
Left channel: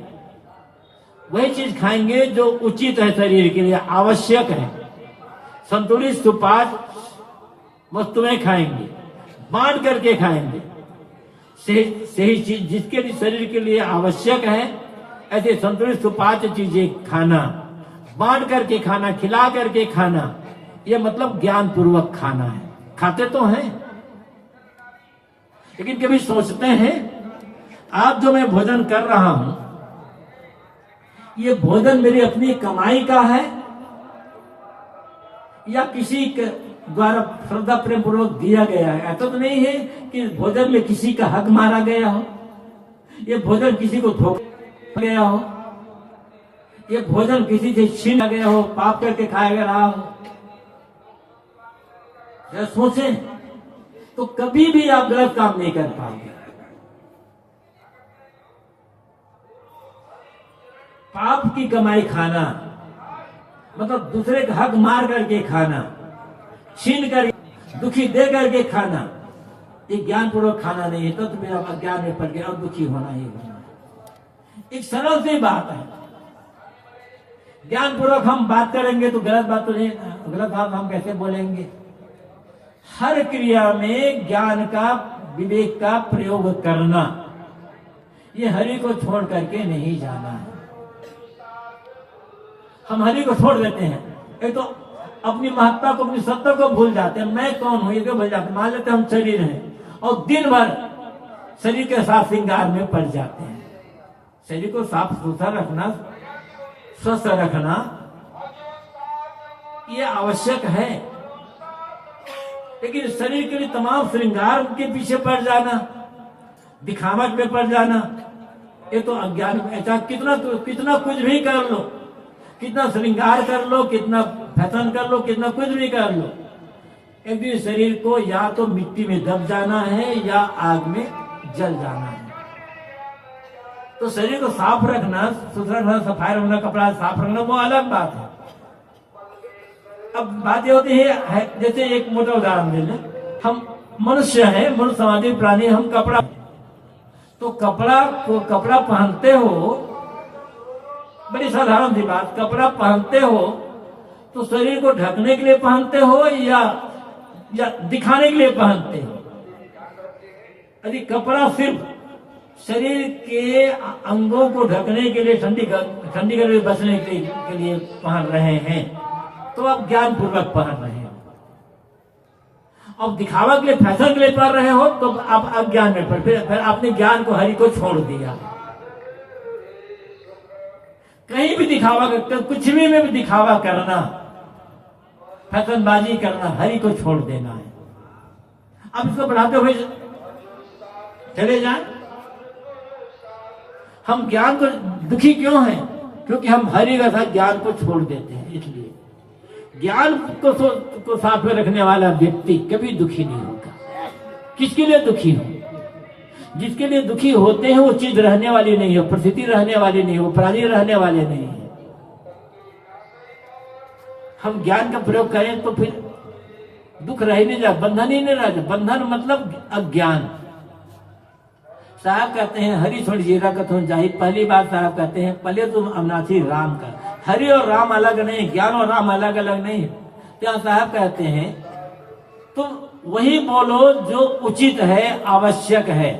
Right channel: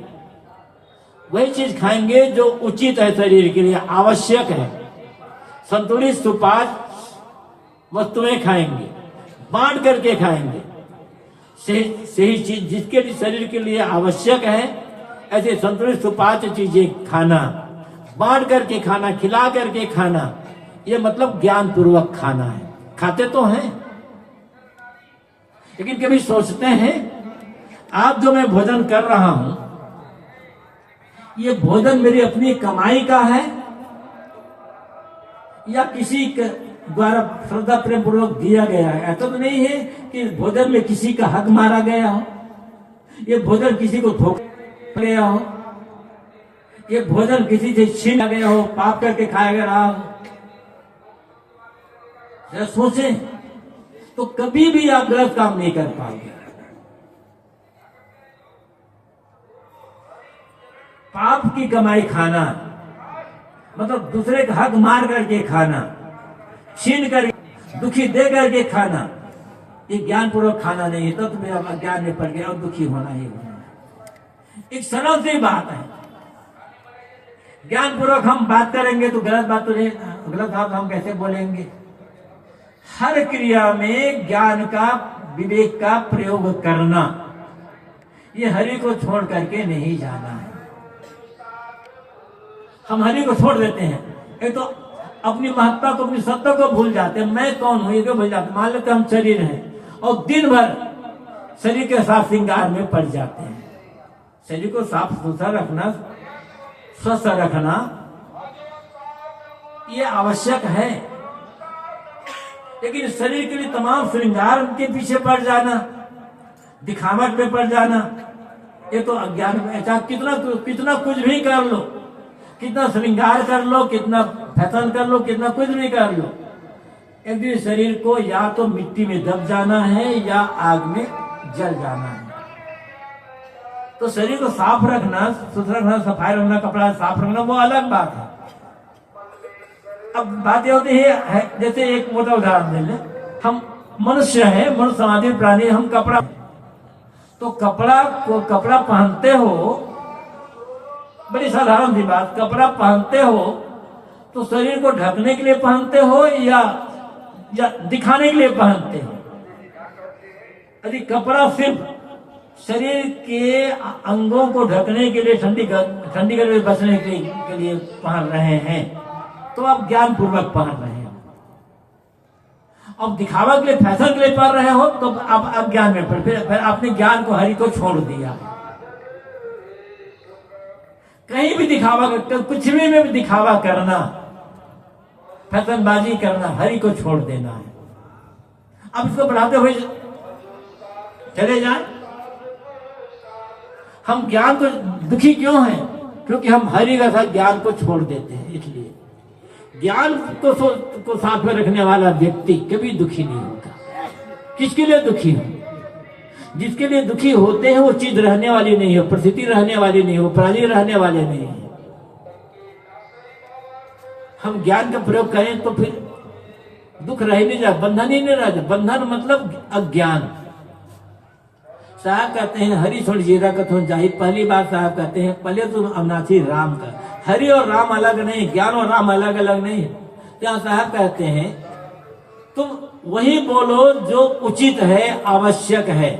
वही चीज खाएंगे जो उचित है, शरीर के लिए आवश्यक है। संतुलित सुपाच्य वस्तुएं खाएंगे, बांट करके खाएंगे। सही चीज जिसके लिए शरीर के लिए आवश्यक है, ऐसे संतुलित सुपाच्य चीजें खाना, बांट करके खाना, खिला करके खाना, ये मतलब ज्ञान पूर्वक खाना है। खाते तो हैं, लेकिन कभी सोचते हैं आज जो मैं भोजन कर रहा हूं, ये भोजन मेरी अपनी कमाई का है या किसी द्वारा श्रद्धा प्रेम पूर्वक दिया गया है? ऐसा तो नहीं है कि भोजन में किसी का हक मारा गया हो, ये भोजन किसी को धोखा गया हो, ये भोजन किसी से छीना गया हो, पाप करके खाया रहा हो। जरा सोचें तो कभी भी आप गलत काम नहीं कर पाएंगे। पाप की कमाई खाना मतलब दूसरे का हक मार करके खाना, छीन कर दुखी दे करके खाना, ये ज्ञान पूर्वक खाना नहीं है। तो तुम्हें अब अज्ञान में पड़ गया और दुखी होना ही होना। एक सरल सी बात है, ज्ञान पूर्वक हम बात करेंगे तो गलत बात तो नहीं, गलत बात हम कैसे बोलेंगे? हर क्रिया में ज्ञान का, विवेक का प्रयोग करना, ये हरि को छोड़ करके नहीं जाना है। हम हरि को छोड़ देते हैं, एक तो अपनी महत्ता को, अपनी सत्ता को भूल जाते हैं। मैं कौन हूं ये क्यों भूल जाते? मान लेते हैं हम शरीर हैं और दिन भर शरीर के साथ श्रृंगार में पड़ जाते हैं। शरीर को साफ सुथरा रखना, स्वस्थ रखना ये आवश्यक है, लेकिन शरीर के लिए तमाम श्रृंगार के पीछे पड़ जाना, दिखावट में पड़ जाना, ये तो अज्ञान में। चाहे कितना कुछ भी कर लो, कितना श्रृंगार कर लो, कितना फैशन कर लो, कितना कुछ भी कर लो, एक दिन शरीर को या तो मिट्टी में दब जाना है या आग में जल जाना है। तो शरीर को साफ रखना, सुथरा रखना, सफाई रखना, कपड़ा साफ रखना, वो अलग बात है। अब बात ये होती है, जैसे एक मोटा उदाहरण ले लें, हम मनुष्य हैं, मनुष्य समाधि प्राणी, हम कपड़ा, तो कपड़ा पहनते हो, बड़ी साधारण सी बात, कपड़ा पहनते हो तो शरीर को ढकने के लिए पहनते हो या दिखाने के लिए पहनते हो? यदि कपड़ा सिर्फ शरीर के अंगों को ढकने के लिए, ठंडी गर्मी से बचने के लिए पहन रहे हैं, तो आप ज्ञान पूर्वक पहन रहे हैं। अब दिखावा के लिए, फैशन के लिए पहन रहे हो, तो आप अज्ञान में पड़, फिर आपने ज्ञान को, हरि को छोड़ दिया। कहीं भी दिखावा करते, कुछ भी में भी दिखावा करना, फैशनबाजी करना, हरि को छोड़ देना है। अब इसको बढ़ाते हुए चले जाए। हम ज्ञान तो दुखी क्यों हैं? क्योंकि हम हरि का साथ ज्ञान को छोड़ देते हैं। इसलिए ज्ञान को साथ में रखने वाला व्यक्ति कभी दुखी नहीं होगा। किसके लिए दुखी हो? जिसके लिए दुखी होते हैं वो चीज रहने वाली नहीं है, परिस्थिति रहने वाली नहीं है, वो प्राणी रहने वाले नहीं है। हम ज्ञान का प्रयोग करें तो फिर दुख रह नहीं जाए, बंधन ही नहीं रहता। बंधन मतलब अज्ञान। साहब कहते हैं हरि छोड़ जीरा कथन जाहि। पहली बार साहब कहते हैं पहले तुम अविनाशी राम का। हरि और राम अलग नहीं, ज्ञान और राम अलग अलग नहीं। क्या साहब कहते हैं तुम वही बोलो जो उचित है, आवश्यक है,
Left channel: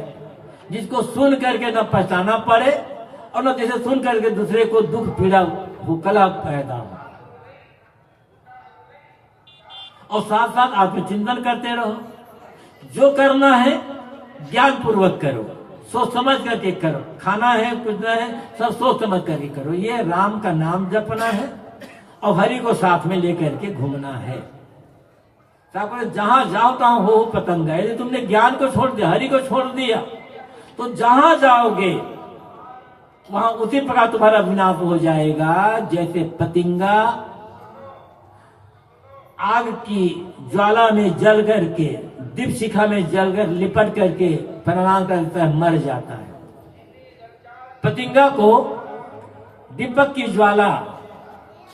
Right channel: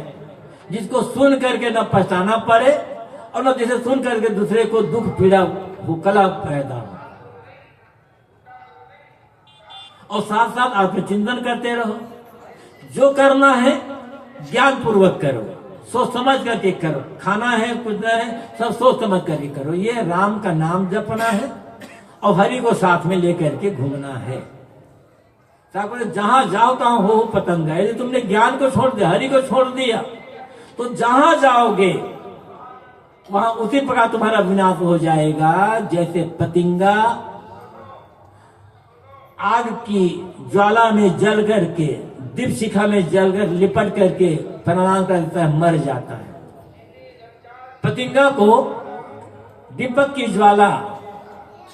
जिसको सुन करके न पछताना पड़े और न जैसे सुन करके दूसरे को दुख पीड़ा कला पैदा हो। और साथ साथ आत्मचिंतन करते रहो। जो करना है ज्ञान पूर्वक करो, सोच समझ करके करो। खाना है, कुछ है, सब सोच समझ करके करो। ये राम का नाम जपना है और हरि को साथ में लेकर के घूमना है। जहां जाओ तहां हो पतंगा। यदि तुमने ज्ञान को छोड़ दिया, हरि को छोड़ दिया, तो जहां जाओगे वहां उसी प्रकार तुम्हारा विनाश हो जाएगा। जैसे पतंगा आग की ज्वाला में जल करके, दीप शिखा में जलकर लिपट करके प्रणाम करता है, मर जाता है। पतंगा को दीपक की ज्वाला,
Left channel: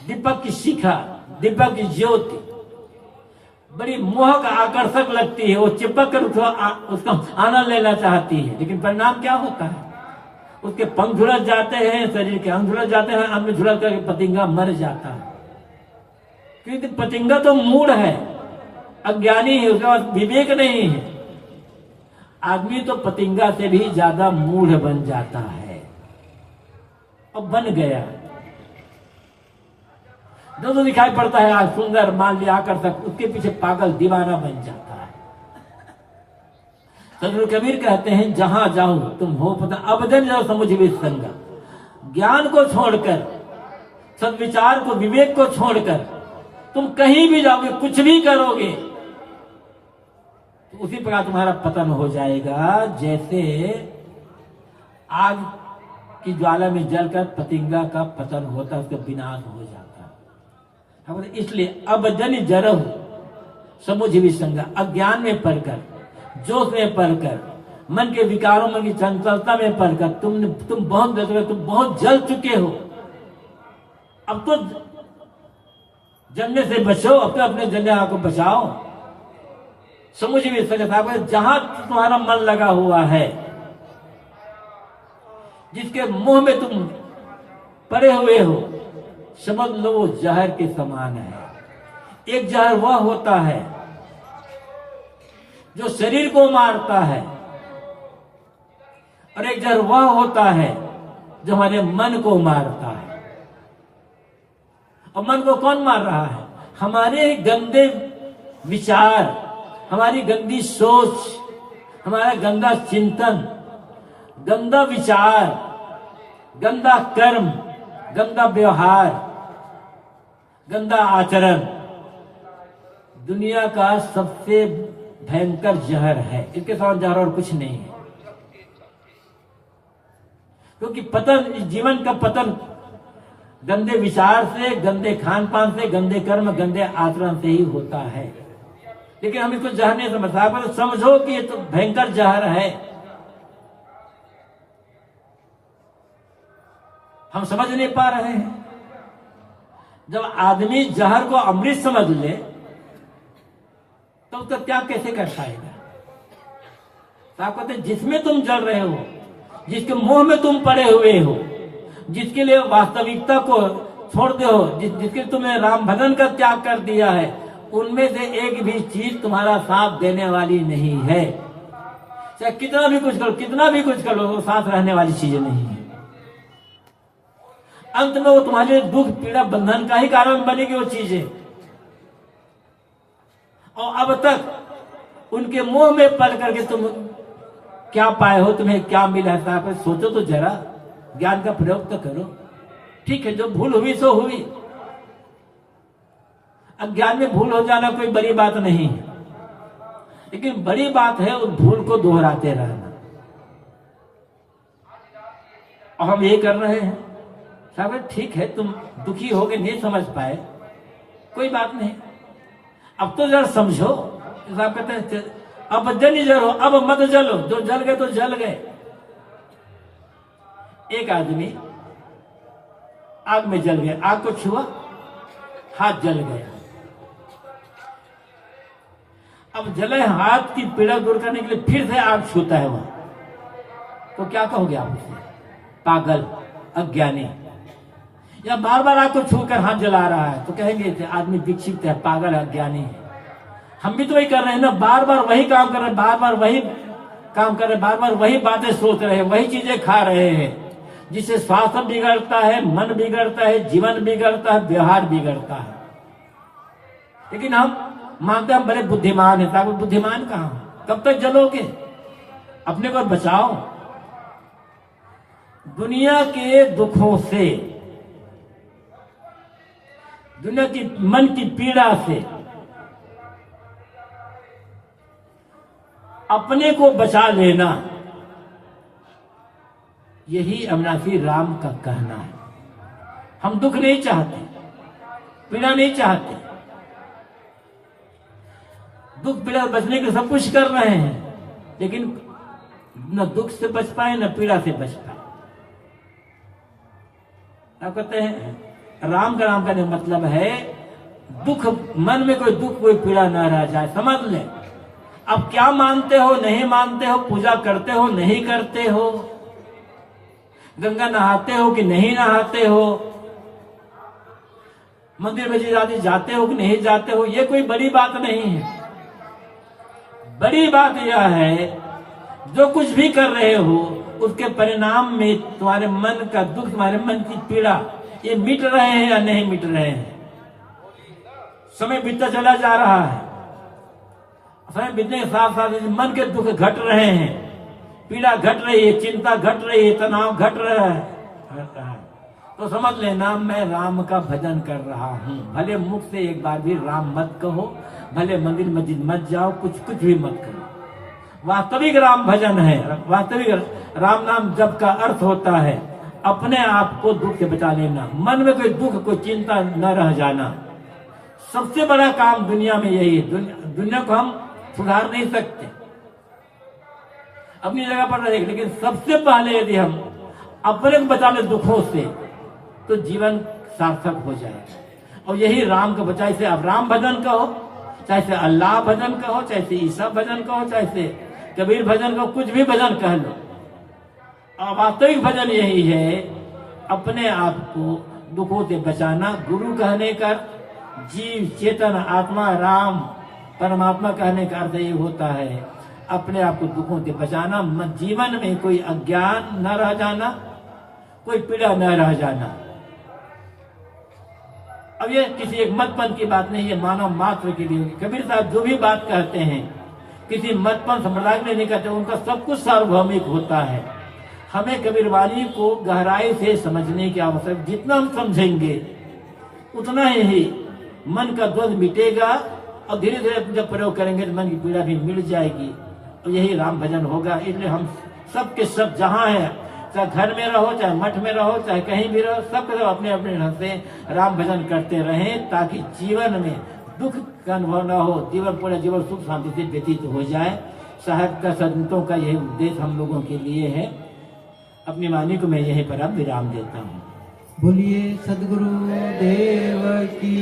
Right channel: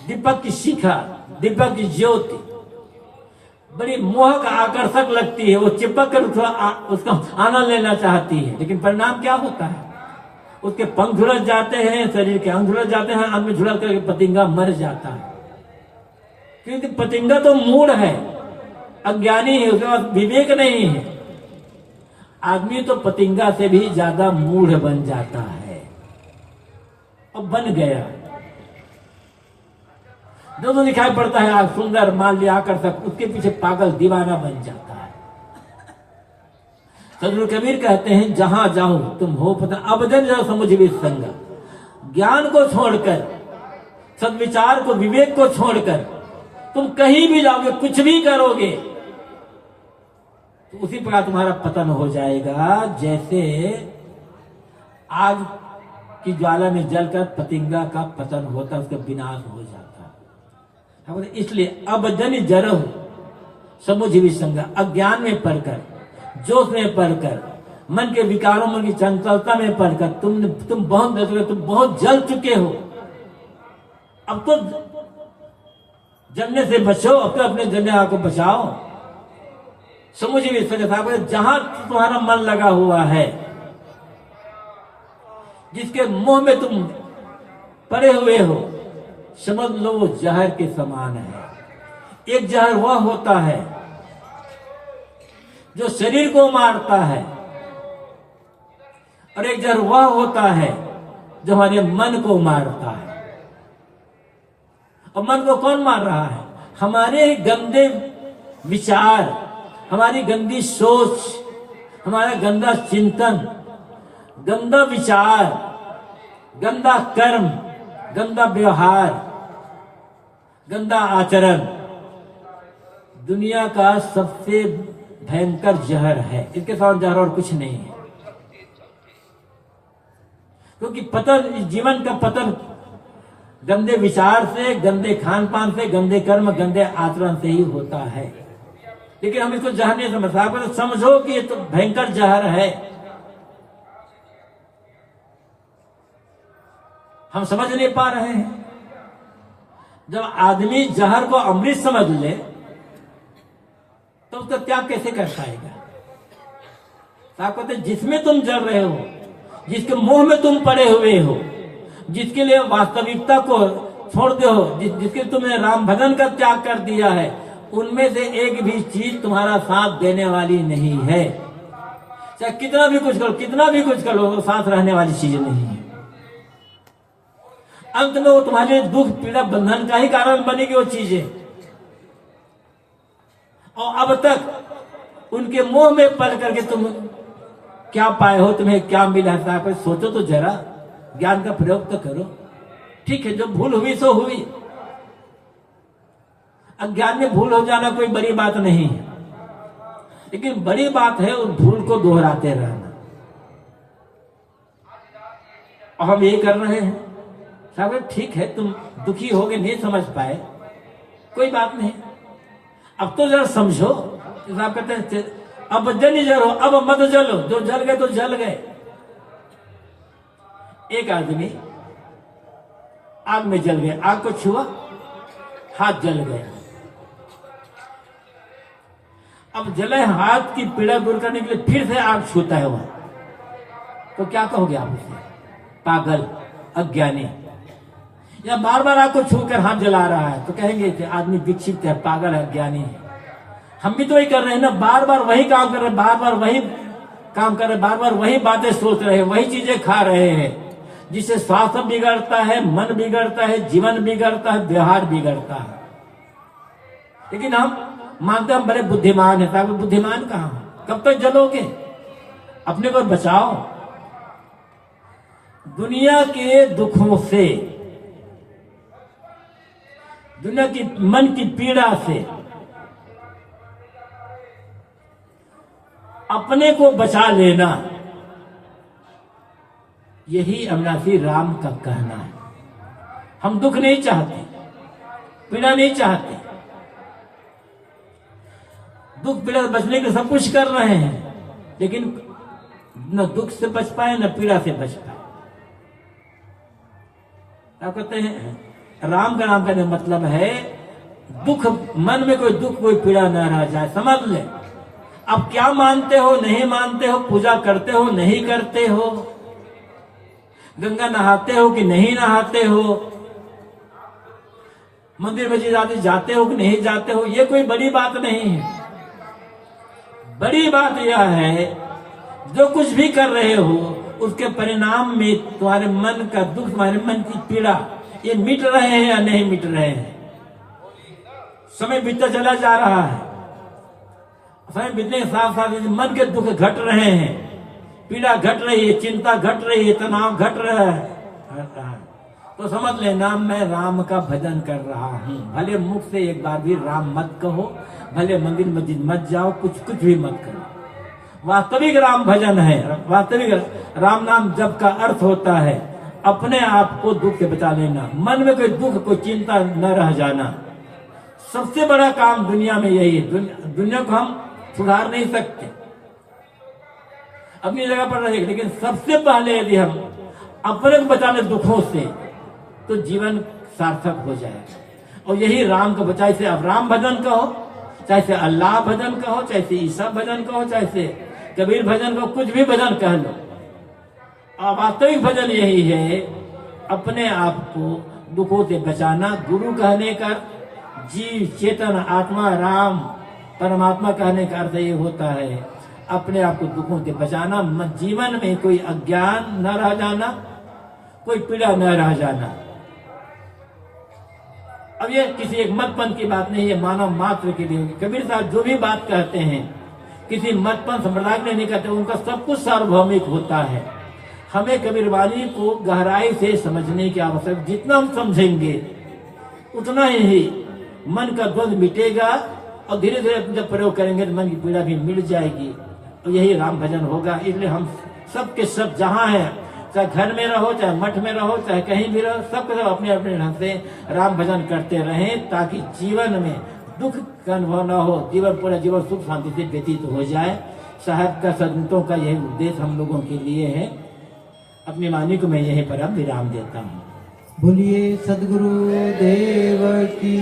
दीपक की शिखा, दीपक की ज्योति बड़ी मोहक आकर्षक लगती है। वो चिपक कर उसका आनंद लेना चाहती है, लेकिन परिणाम क्या होता है? उसके पंख झुलस जाते हैं, शरीर के अंग झुलस जाते हैं, अन्न झुलस करके पतंगा मर जाता है। क्योंकि पतंगा तो मूढ़ है, अज्ञानी है, उसके पास विवेक नहीं है। आदमी तो पतंगा से भी ज्यादा मूढ़ बन जाता है और बन गया। जो दिखाई पड़ता है आज सुंदर, मान लिया आकर्षक, उसके पीछे पागल दीवाना बन जाता है। सदगुरु कबीर कहते हैं जहां जाऊं तुम हो पता अबदन जाओ समुझ भी संगा। ज्ञान को छोड़कर, सद्विचार को, विवेक को छोड़कर तुम कहीं भी जाओगे, कुछ भी करोगे, तो उसी प्रकार तुम्हारा पतन हो जाएगा। जैसे आग की ज्वाला में जलकर पतंगा का पतन होता, उसका विनाश हो जाता। इसलिए अब जन जरह समुझ भी संगा। अज्ञान में पढ़कर, जोश में पढ़कर, मन के विकारों, मन की चंचलता में पढ़कर तुम बहुत जल चुके हो। अब तो जलने से बचो, अब तो अपने जलने को बचाओ। समुझ भी संगा, जहां तुम्हारा मन लगा हुआ है, जिसके मुंह में तुम पड़े हुए हो, समझ लो वो जहर के समान है। एक जहर वह होता है जो शरीर को मारता है, और एक जहर वह होता है जो हमारे मन को मारता है। और मन को कौन मार रहा है? हमारे गंदे विचार, हमारी गंदी सोच, हमारा गंदा चिंतन, गंदा विचार, गंदा कर्म, गंदा व्यवहार, गंदा आचरण, दुनिया का सबसे भयंकर जहर है, इसके साथ जहर और कुछ नहीं है। क्योंकि पतन, जीवन का पतन गंदे विचार से, गंदे खान पान से, गंदे कर्म, गंदे आचरण से ही होता है। लेकिन हम इसको जहर नहीं समझते। आप तो समझो कि ये तो भयंकर जहर है, हम समझ नहीं पा रहे हैं। जब आदमी जहर को अमृत समझ ले तो उसका त्याग कैसे कर पाएगा? साहब कहते जिसमें तुम जल रहे हो, जिसके मोह में तुम पड़े हुए हो, जिसके लिए वास्तविकता को छोड़ते हो, जिसके तुमने राम भजन का त्याग कर दिया है, उनमें से एक भी चीज तुम्हारा साथ देने वाली नहीं है। चाहे कितना भी कुछ करो, कितना भी कुछ करो, वो साथ रहने वाली चीज नहीं है। अंत में वो तुम्हारे दुख, पीड़ा, बंधन का ही कारण बनेगी वो चीजें। और अब तक उनके मोह में पड़ करके तुम क्या पाए हो, तुम्हें क्या मिला है, सोचो तो जरा, ज्ञान का प्रयोग तो करो। ठीक है, जो भूल हुई सो हुई। अज्ञान में भूल हो जाना कोई बड़ी बात नहीं है, लेकिन बड़ी बात है उस भूल को दोहराते रहना। और हम ये कर रहे हैं। साहब ठीक है, तुम दुखी हो गए, नहीं समझ पाए, कोई बात नहीं, अब तो जरा समझो। साहब कहते हैं अब जल जलो, अब मत जलो, जो जल गए तो जल गए। एक आदमी आग में जल गया, आग को छुआ, हाथ जल गया। अब जले हाथ की पीड़ा दूर करने के लिए फिर से आग छूता है वह, तो क्या कहोगे आप उसे? पागल, अज्ञानी। या बार बार आग को छूकर हाथ जला रहा है तो कहेंगे कि आदमी विक्षिप्त है, पागल है, अज्ञानी है। हम भी तो वही कर रहे हैं ना, बार बार वही काम कर रहे हैं, बार बार वही काम कर रहे हैं, बार बार वही बातें सोच रहे हैं, वही चीजें खा रहे हैं, जिससे स्वास्थ्य बिगड़ता है, मन बिगड़ता है, जीवन बिगड़ता है, व्यवहार बिगड़ता है। लेकिन हम मानते हैं हम बड़े बुद्धिमान है। साहब बुद्धिमान कहां? कब तक जलोगे? अपने को बचाओ दुनिया के दुखों से, दुनिया की मन की पीड़ा से अपने को बचा लेना, यही अविनाशी राम का कहना है। हम दुख नहीं चाहते, पीड़ा नहीं चाहते। दुख पीड़ा बचने के सब कुछ कर रहे हैं, लेकिन न दुख से बच पाए न पीड़ा से बच पाए। क्या कहते हैं? राम का नाम का मतलब है दुख, मन में कोई दुख, कोई पीड़ा न रह जाए। समझ ले, अब क्या मानते हो, नहीं मानते हो, पूजा करते हो, नहीं करते हो, गंगा नहाते हो कि नहीं नहाते हो, मंदिर में जाते हो कि नहीं जाते हो, ये कोई बड़ी बात नहीं है। बड़ी बात यह है जो कुछ भी कर रहे हो उसके परिणाम में तुम्हारे मन का दुख, तुम्हारे मन की पीड़ा, ये मिट रहे हैं या नहीं मिट रहे हैं। समय बीतता चला जा रहा है, समय बीतने के साथ साथ मन के दुख घट रहे हैं, पीड़ा घट रही है, चिंता घट रही है, तनाव घट रहा है। तो समझ लेना मैं राम का भजन कर रहा हूँ। भले मुख से एक बार भी राम मत कहो, भले मंदिर मस्जिद मत जाओ, कुछ भी मत करो। वास्तविक राम भजन है, वास्तविक राम नाम जप का अर्थ होता है अपने आप को दुख से बचा लेना, मन में कोई दुख, कोई चिंता न रह जाना। सबसे बड़ा काम दुनिया में यही है। दुनिया को हम सुधार नहीं सकते, अपनी जगह पर रहेंगे, लेकिन सबसे पहले यदि हम अपने को बचा ले दुखों से तो जीवन सार्थक हो जाएगा। और यही राम को बचाए से अब राम भजन कहो, चाहे से अल्लाह भजन कहो, चाहे से ईसा भजन कहो, चाहे से कबीर भजन कहो, कुछ भी भजन कह लो। और वास्तविक भजन यही है अपने आप को दुखों से बचाना। गुरु कहने का, जीव चेतन आत्मा राम परमात्मा कहने का अर्थ ये होता है अपने आप को दुखों से बचाना, जीवन में कोई अज्ञान न रह जाना, कोई पीड़ा न रह जाना। अब ये किसी एक मतपंथ की बात नहीं है, मानव मात्र के लिए। कबीर साहब जो भी बात कहते हैं किसी मतपंथ संप्रदाय में नहीं कहते, उनका सब कुछ सार्वभौमिक होता है। हमें कबीरवाणी को गहराई से समझने की आवश्यकता, जितना हम समझेंगे उतना ही मन का द्वंद मिटेगा और धीरे धीरे जब प्रयोग करेंगे तो मन की पीड़ा भी मिट जाएगी और यही राम भजन होगा। इसलिए हम सब के सब जहाँ हैं, चाहे घर में रहो, चाहे मठ में रहो, चाहे कहीं भी रहो, सब के सब अपने अपने ढंग से राम भजन करते रहें, ताकि जीवन में दुख का अनुभव न हो, जीवन पूरा जीवन सुख शांति से व्यतीत हो जाए। साहब का, संतों का यही उद्देश्य हम लोगों के लिए है। अपनी वाणी को मैं यहीं पर अब विराम देता हूँ। बोलिए सदगुरु देव की,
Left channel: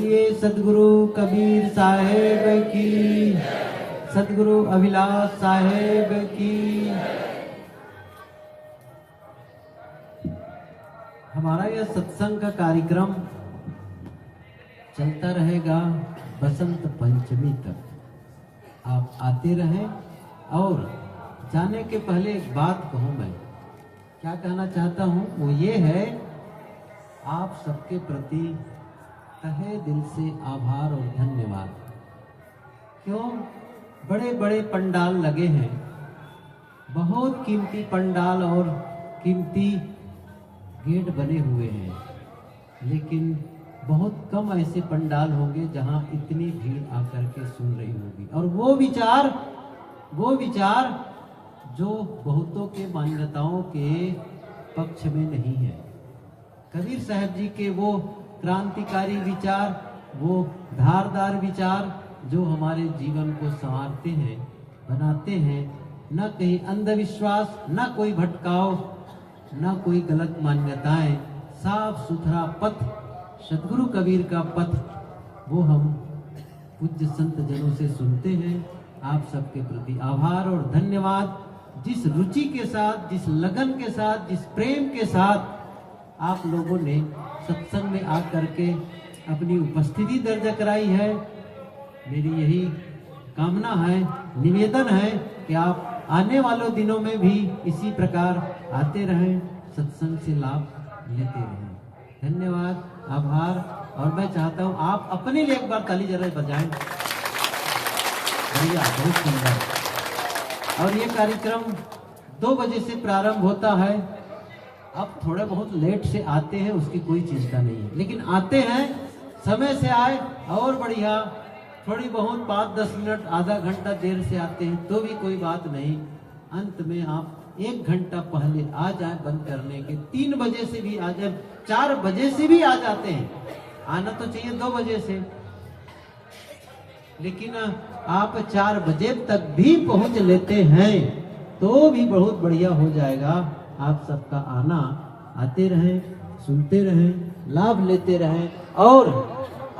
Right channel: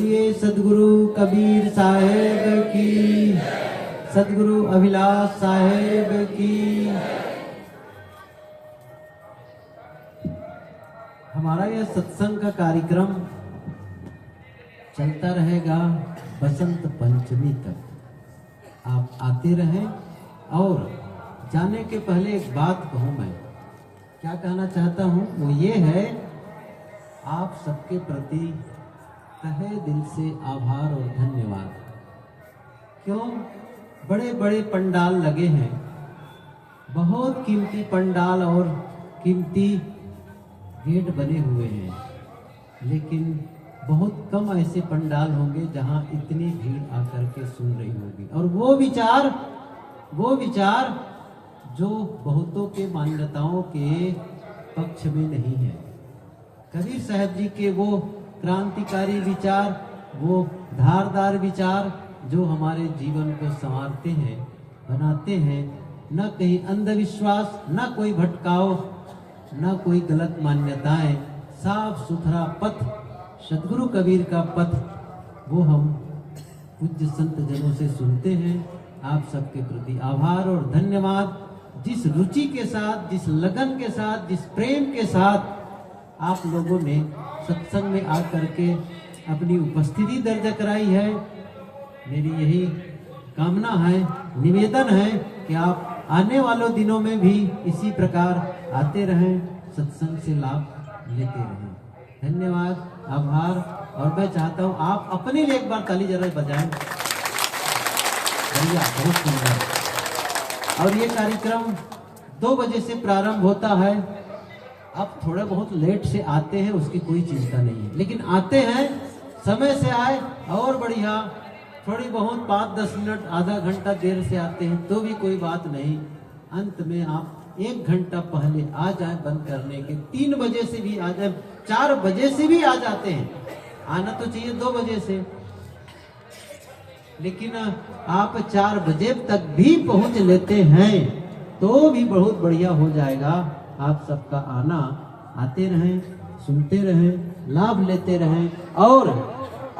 बोलिए सदगुरु कबीर साहेब की, सदगुरु अभिलाष साहेब की। हमारा यह सत्संग का कार्यक्रम चलता रहेगा बसंत पंचमी तक। आप आते रहें। और जाने के पहले एक बात कहूँ, मैं क्या कहना चाहता हूँ वो ये है, आप सबके प्रति तहे दिल से आभार और धन्यवाद। क्यों? बड़े बड़े पंडाल लगे हैं, बहुत कीमती पंडाल और कीमती गेट बने हुए हैं, लेकिन बहुत कम ऐसे पंडाल होंगे जहां इतनी भीड़ आकर के सुन रही होगी। और वो विचार जो बहुतों के मान्यताओं के पक्ष में नहीं है। कबीर साहब जी के वो क्रांतिकारी विचार, वो धारदार विचार जो हमारे जीवन को संवारते हैं, बनाते हैं। न कहीं अंधविश्वास, न कोई भटकाव, न कोई गलत मान्यताएं, साफ सुथरा पथ, सदगुरु कबीर का पथ, वो हम पूज्य संत जनों से सुनते हैं। आप सबके प्रति आभार और धन्यवाद। जिस रुचि के साथ, जिस लगन के साथ, जिस प्रेम के साथ आप लोगों ने सत्संग में आकर के अपनी उपस्थिति दर्ज कराई है, मेरी यही कामना है, निवेदन है कि आप आने वालों दिनों में भी इसी प्रकार आते रहें, सत्संग से लाभ लेते रहें। धन्यवाद, आभार। और मैं चाहता हूं आप अपने लिए एक बार ताली जरूर बजाएं। बढ़िया, बहुत सुंदर। और ये कार्यक्रम 2 बजे से प्रारंभ होता है। अब थोड़ा बहुत लेट से आते हैं, उसकी कोई चिंता नहीं है, लेकिन आते हैं समय से आए और बढ़िया। थोड़ी बहुत 5-10 मिनट, आधा घंटा देर से आते हैं तो भी कोई बात नहीं। अंत में आप 1 घंटा पहले आ जाए बंद करने के। 3 बजे से भी आ जाए, 4 बजे से भी आ जाते हैं। आना तो चाहिए 2 बजे से, लेकिन आप 4 बजे तक भी पहुंच लेते हैं तो भी बहुत बढ़िया हो जाएगा। आप सबका आना, आते रहें, सुनते रहें, लाभ लेते रहें।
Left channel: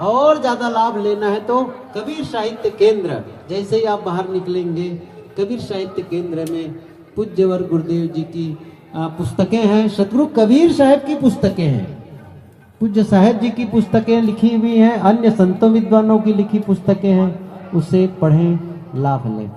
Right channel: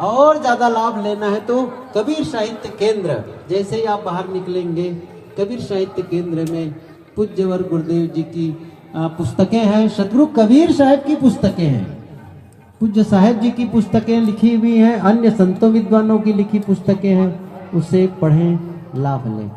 और ज्यादा लाभ लेना है तो कबीर साहित्य केंद्र, जैसे ही आप बाहर निकलेंगे, कबीर साहित्य केंद्र में पूज्यवर गुरुदेव जी की पुस्तकें हैं, सदगुरु कबीर साहब की पुस्तकें हैं, पूज्य साहब जी की पुस्तकें लिखी हुई हैं, अन्य संतों विद्वानों की लिखी पुस्तकें हैं, उसे पढ़ें, लाभ लें।